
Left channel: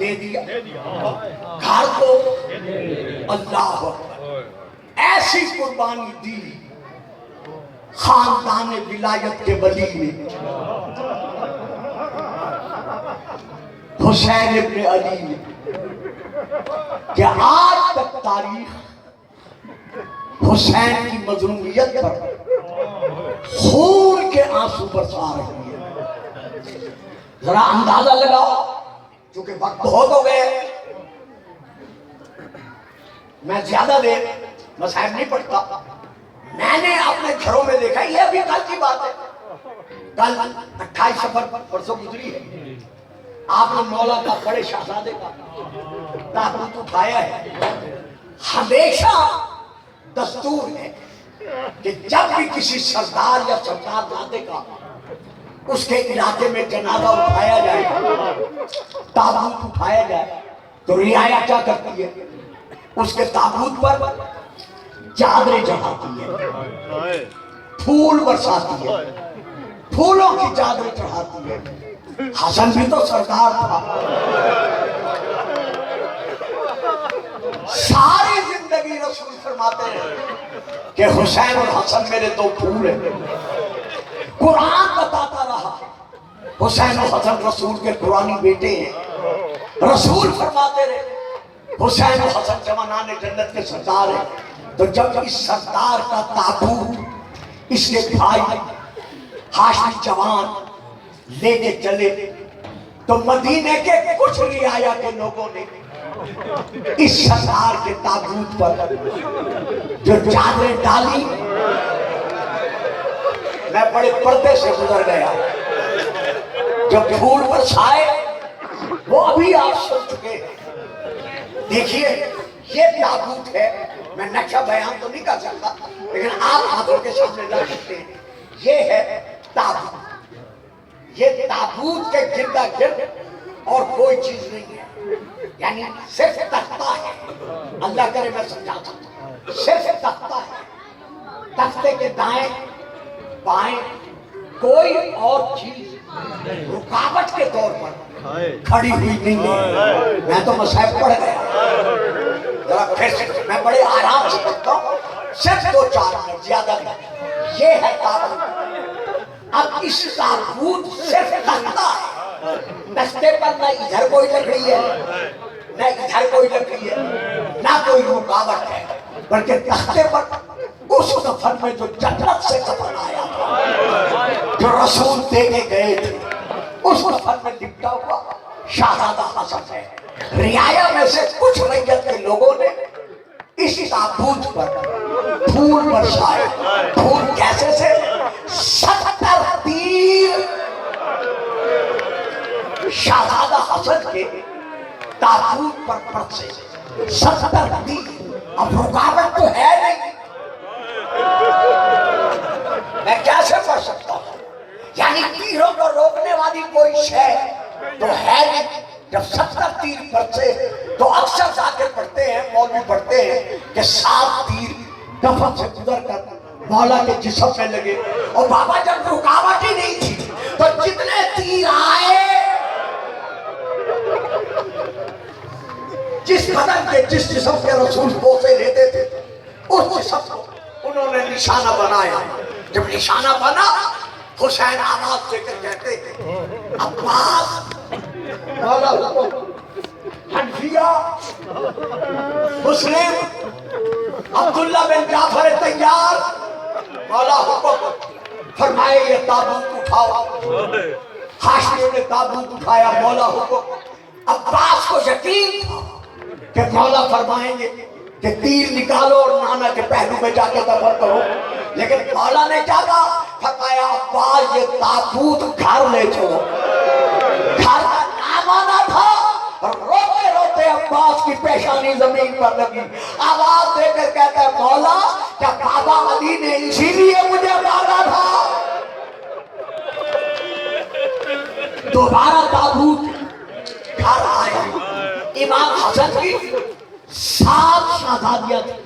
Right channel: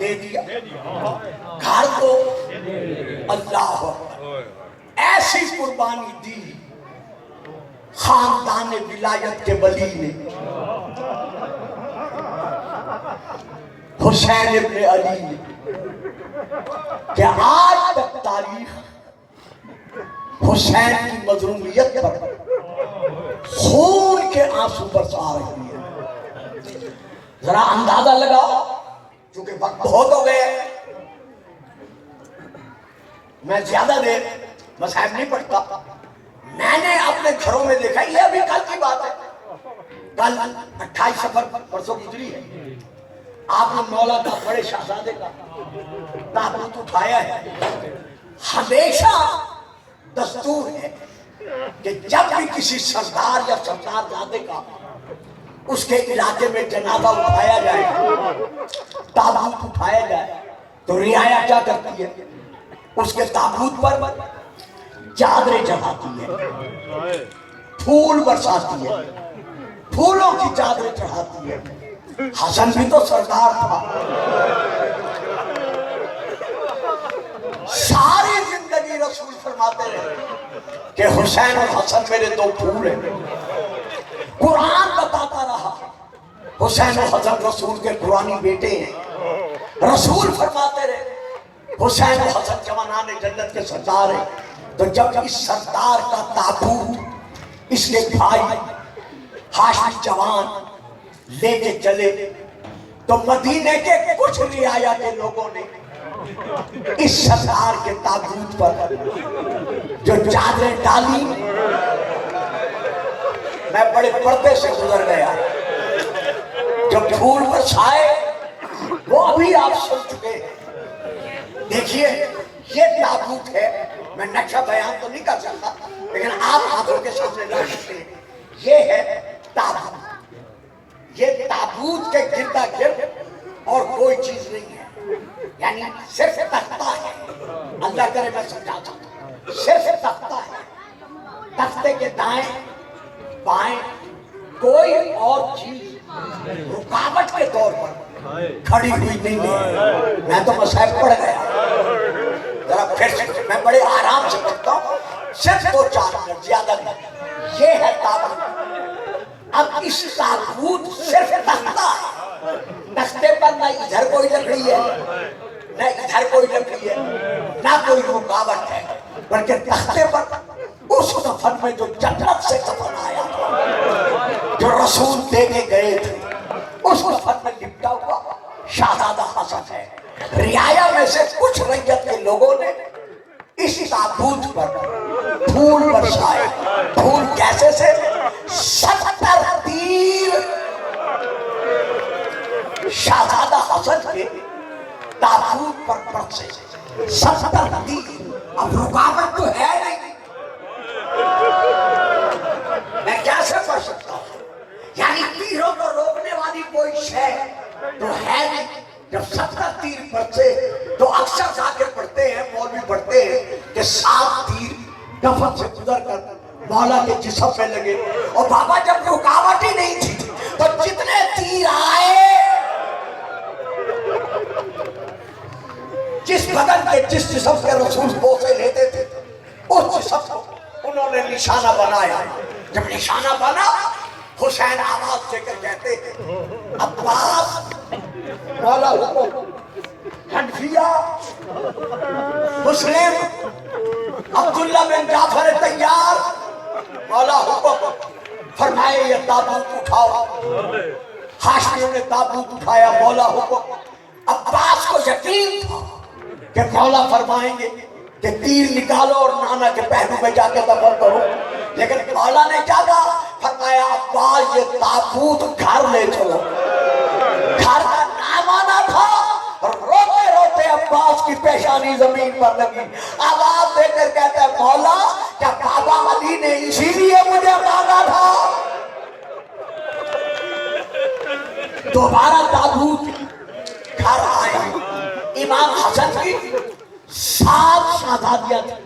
دے دیا، گھر کو اللہ اکبر، ایسی قربانی دی خاندان ولایت کے ولی نے، حسین ابن علی نے، کہ آج تک تاریخ حسین کی مظلومیت پر خون کے آنسو برسا رہی ہے۔ ذرا اندازہ لگاؤ، چونکہ وقت بہت ہو گئے، میں زیادہ دیر مصاحب نہیں پڑھتا، میں نے اپنے گھروں میں دیکھا، یہ ابھی کل کی بات ہے، کل 28 سفر پرسوں گزری ہے، آپ نے مولا کا بڑے شہزادے کا تابوت اٹھایا ہے۔ ہمیشہ دستور ہے کہ جب بھی کسی سردار یا سردار زادے کا اس کے علاقے میں جنازہ اٹھایا جائے، تابوت اٹھایا جائے، تو رعایا کیا کرتی ہے؟ اس کے تابوت پر چادریں چڑھاتی ہے، پھول برساتی ہے، پھولوں کی چادریں چڑھاتی ہے۔ حسن بھی تو سردار تھا، ساری زندگی رسول فرماتے ہیں کہ حسین اور حسن میرے دو پھول ہیں۔ قرآن بتاتا رہا حسین اور حسن رسول کے قرآنی بیٹے ہیں، رسول فرماتے رہے حسین اور حسن جوانان جنت کے سردار ہیں۔ تو جب اس سردار کا تابوت اس کے بھائی ہاشمی جوان لے کے چلے، تو مدینے کے کچھ رعایا کے لوگوں نے اس سردار کے تابوت پر جو چادریں ڈالی، میں بڑے پردے سے گزر گیا، جب پھول برسائے وہ ابھی آپ سن چکے۔ دیکھیے یہ تابوت ہے، میں نقشہ بیان تو نہیں کر سکتا، لیکن آپ آنکھوں کے سامنے رکھ سکتے ہیں، یہ ہے تابوت۔ یہ تابوت کے گردا گرد اور کوئی چیز نہیں ہے، یعنی صرف تختہ ہے، اللہ کرے میں سمجھا سکتا ہوں، صرف تختہ ہے، تختے کے دائیں بائیں کوئی اور چیز رکاوٹ کے طور پر کھڑی ہوئی نہیں ہے۔ میں تو مصحف پڑھ گیا، ذرا پھر سے میں بڑے آرام سے پڑھتا ہوں، صرف 2-4 منٹ، زیادہ نہیں۔ یہ ہے تابوت۔ اب اس تابوت صرف تختہ ہے، تختے پر نہ ادھر کوئی لکڑی ہے نہ ادھر کوئی لکڑی ہے، نہ کوئی رکاوٹ ہے، بلکہ تختے پر اس کفن میں جو جنت سے کفن آیا تھا، جو رسول دے کے گئے تھے، اس کفن میں لپٹا ہوا شہزادہ حسن ہے۔ رعایا میں سے کچھ رعیت کے لوگوں نے اس تابوت پر پھول برسائے۔ پھول کیسے سے؟ 70 تیر شہزادہ حسن کے تابوت پر برسے، 70 تیر۔ اب رکاوٹ تو ہے نہیں، میں کیسے پڑھ سکتا ہوں؟ یعنی تیروں کو روکنے والی کوئی شے تو ہے نہیں۔ جب 70 تیر برسے تو اکثر ذاکر پڑھتے ہیں، مولوی پڑھتے ہیں کہ 7 تیر کفن سے گزر کر مولا کے جسم میں لگے، اور بابا جب رکاوٹ ہی نہیں تھی تو جتنے تیر آئے جس بدن کے جس جسم کے رسول بوسے لیتے تھے اس جسم کو انہوں نے نشانہ بنایا۔ جب نشانہ بنا، حسین آواز دے کر کہتے ہیں عباس، مولا حکم، حنفیہ، مسلم، عبداللہ بن جعفر طیار، مولا حکم، فرمائے یہ تابوت اٹھاؤ۔ ہاشمیوں نے تابوت اٹھایا، مولا حکم۔ عباس کو یقین تھا کہ مولا فرمائیں گے کہ تیر نکالو اور نانا کے پہلو میں جا کے دفن کرو، لیکن مولا نے کیا کہا؟ فرمایا عباس یہ تابوت گھر لے چلو۔ گھر کا نام آنا تھا، روتے روتے عباس کی پیشانی زمین پر لگی، آواز دے کر کہتا ہے مولا کیا بابا علی نے اسی لیے مجھے مانگا تھا؟ دوبارہ تابوت گھر آیا۔ امام حسن کی 7 شہزادیاں تھیں،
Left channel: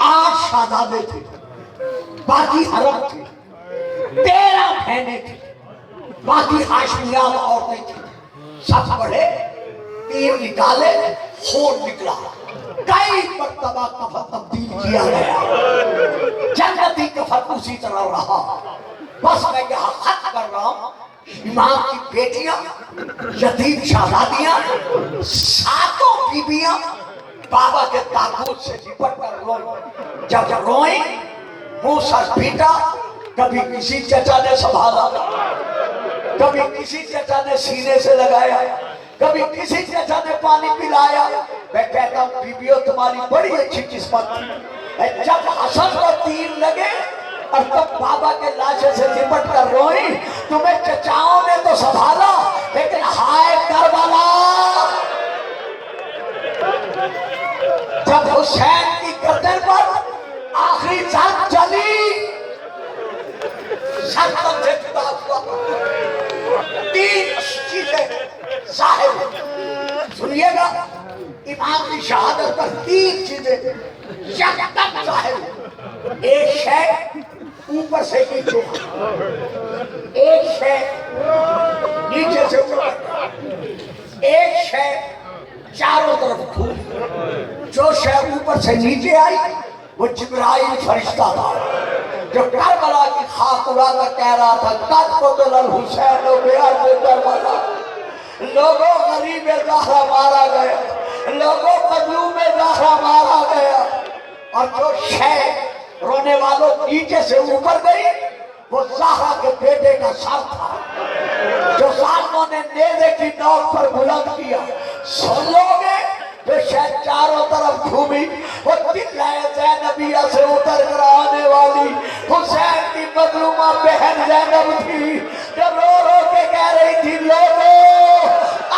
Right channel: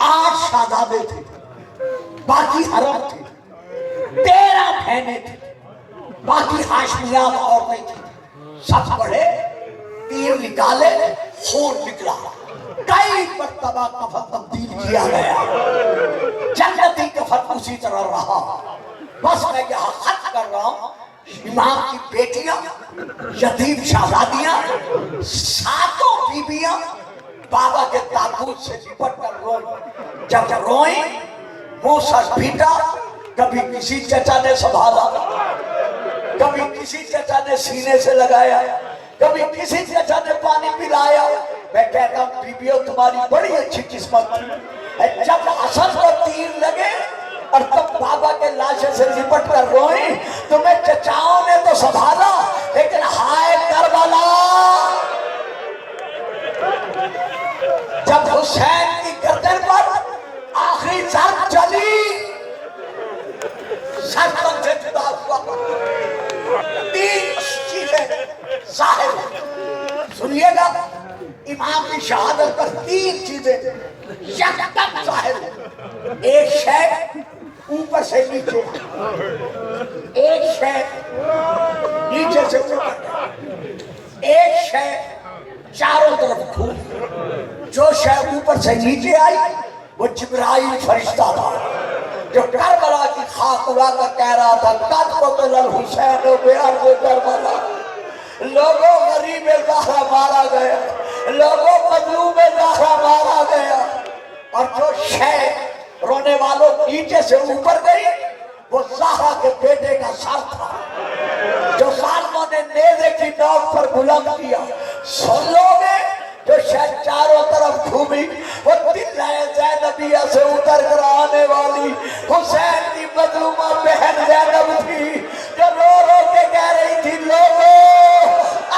8 شہزادے تھے، باقی حرم تھے، 13 بہنیں تھیں، باقی ہاشمیات عورتیں تھیں۔ سب بڑے تیر نکالے خون نکلا، کئی مرتبہ کفن تبدیل کیا گیا، جنتی کفن اسی طرح رہا۔ بس میں یہاں خط کر رہا ہوں، امام کی بیٹیاں، یتیم شہزادیاں، ساتوں بیویاں بابا کے تابوت سے لپٹ کر روئیں۔ جب روئیں منہ سر پیٹا، کبھی کسی چچا نے سنبھالا، کبھی کسی چچا نے سینے سے لگایا، کبھی کسی چچا نے پانی پلایا۔ میں کہتا ہوں بیویوں تمہاری بڑی اچھی قسمت ہے، جب حسن کو تیر لگے اور تم بابا کے لاشے سے لپٹ کر روئیں، تمہیں چچاؤں نے تو سنبھالا، لیکن ہائے کربلا، جب حسین کی گردن پر آخری جنگ چلی، سرطن سے جدا ہوا، تین چیزیں ظاہر ہوئی۔ سنیے گا، امام کی شہادت پر تین چیزیں یکدم ظاہر ہوئی۔ ایک شے اوپر سے نیچے، ایک شے نیچے سے اوپر، ایک شے چاروں طرف کھل۔ جو شے اوپر سے نیچے آئی وہ جبرائیل فرشتہ تھا جو کربلا کی خاک اڑا کر کہہ رہا تھا قد قتل الحسین بأرض کربلا، لوگوں غریب زہرا مارا گیا، لوگوں مظلوم زہرا مارا گیا۔ اور جو شے رونے والوں نیچے سے اوپر گئی وہ زہرا کے بیٹے کا سر تھا جو ظالموں نے نیزے کی نوک پر بلند کیا۔ سن لو گے، جو شاید چاروں طرف گھومی وہ دلائے زینبیہ سے اتر کر آنے والی حسین کی مظلومہ بہن زینب تھی، جو رو رو کے کہہ رہی تھی لوگوں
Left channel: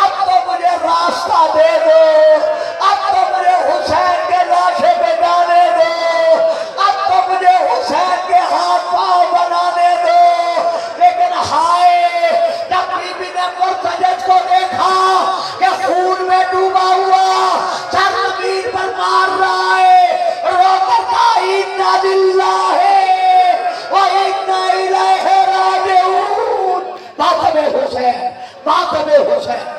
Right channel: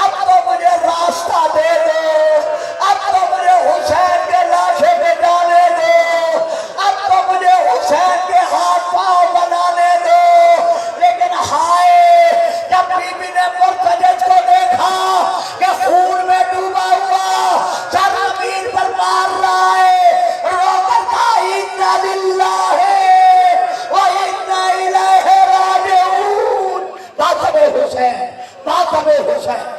اب تو مجھے راستہ دے دو، اب تو مجھے حسین کے لاشے پہ جانے دو، اب تو مجھے حسین کے ہاتھ پاؤں بنانے دو۔ لیکن ہائے، جب بی بی نے مرتجج کو دیکھا کہ خون میں ڈوبا ہوا سر زمین پر مار رہا ہے، رو کر کہا اِنَّا لِلَّهِ وَإِنَّا إِلَيْهِ رَاجِعُونَ۔ ماتم حسین، ماتم حسین۔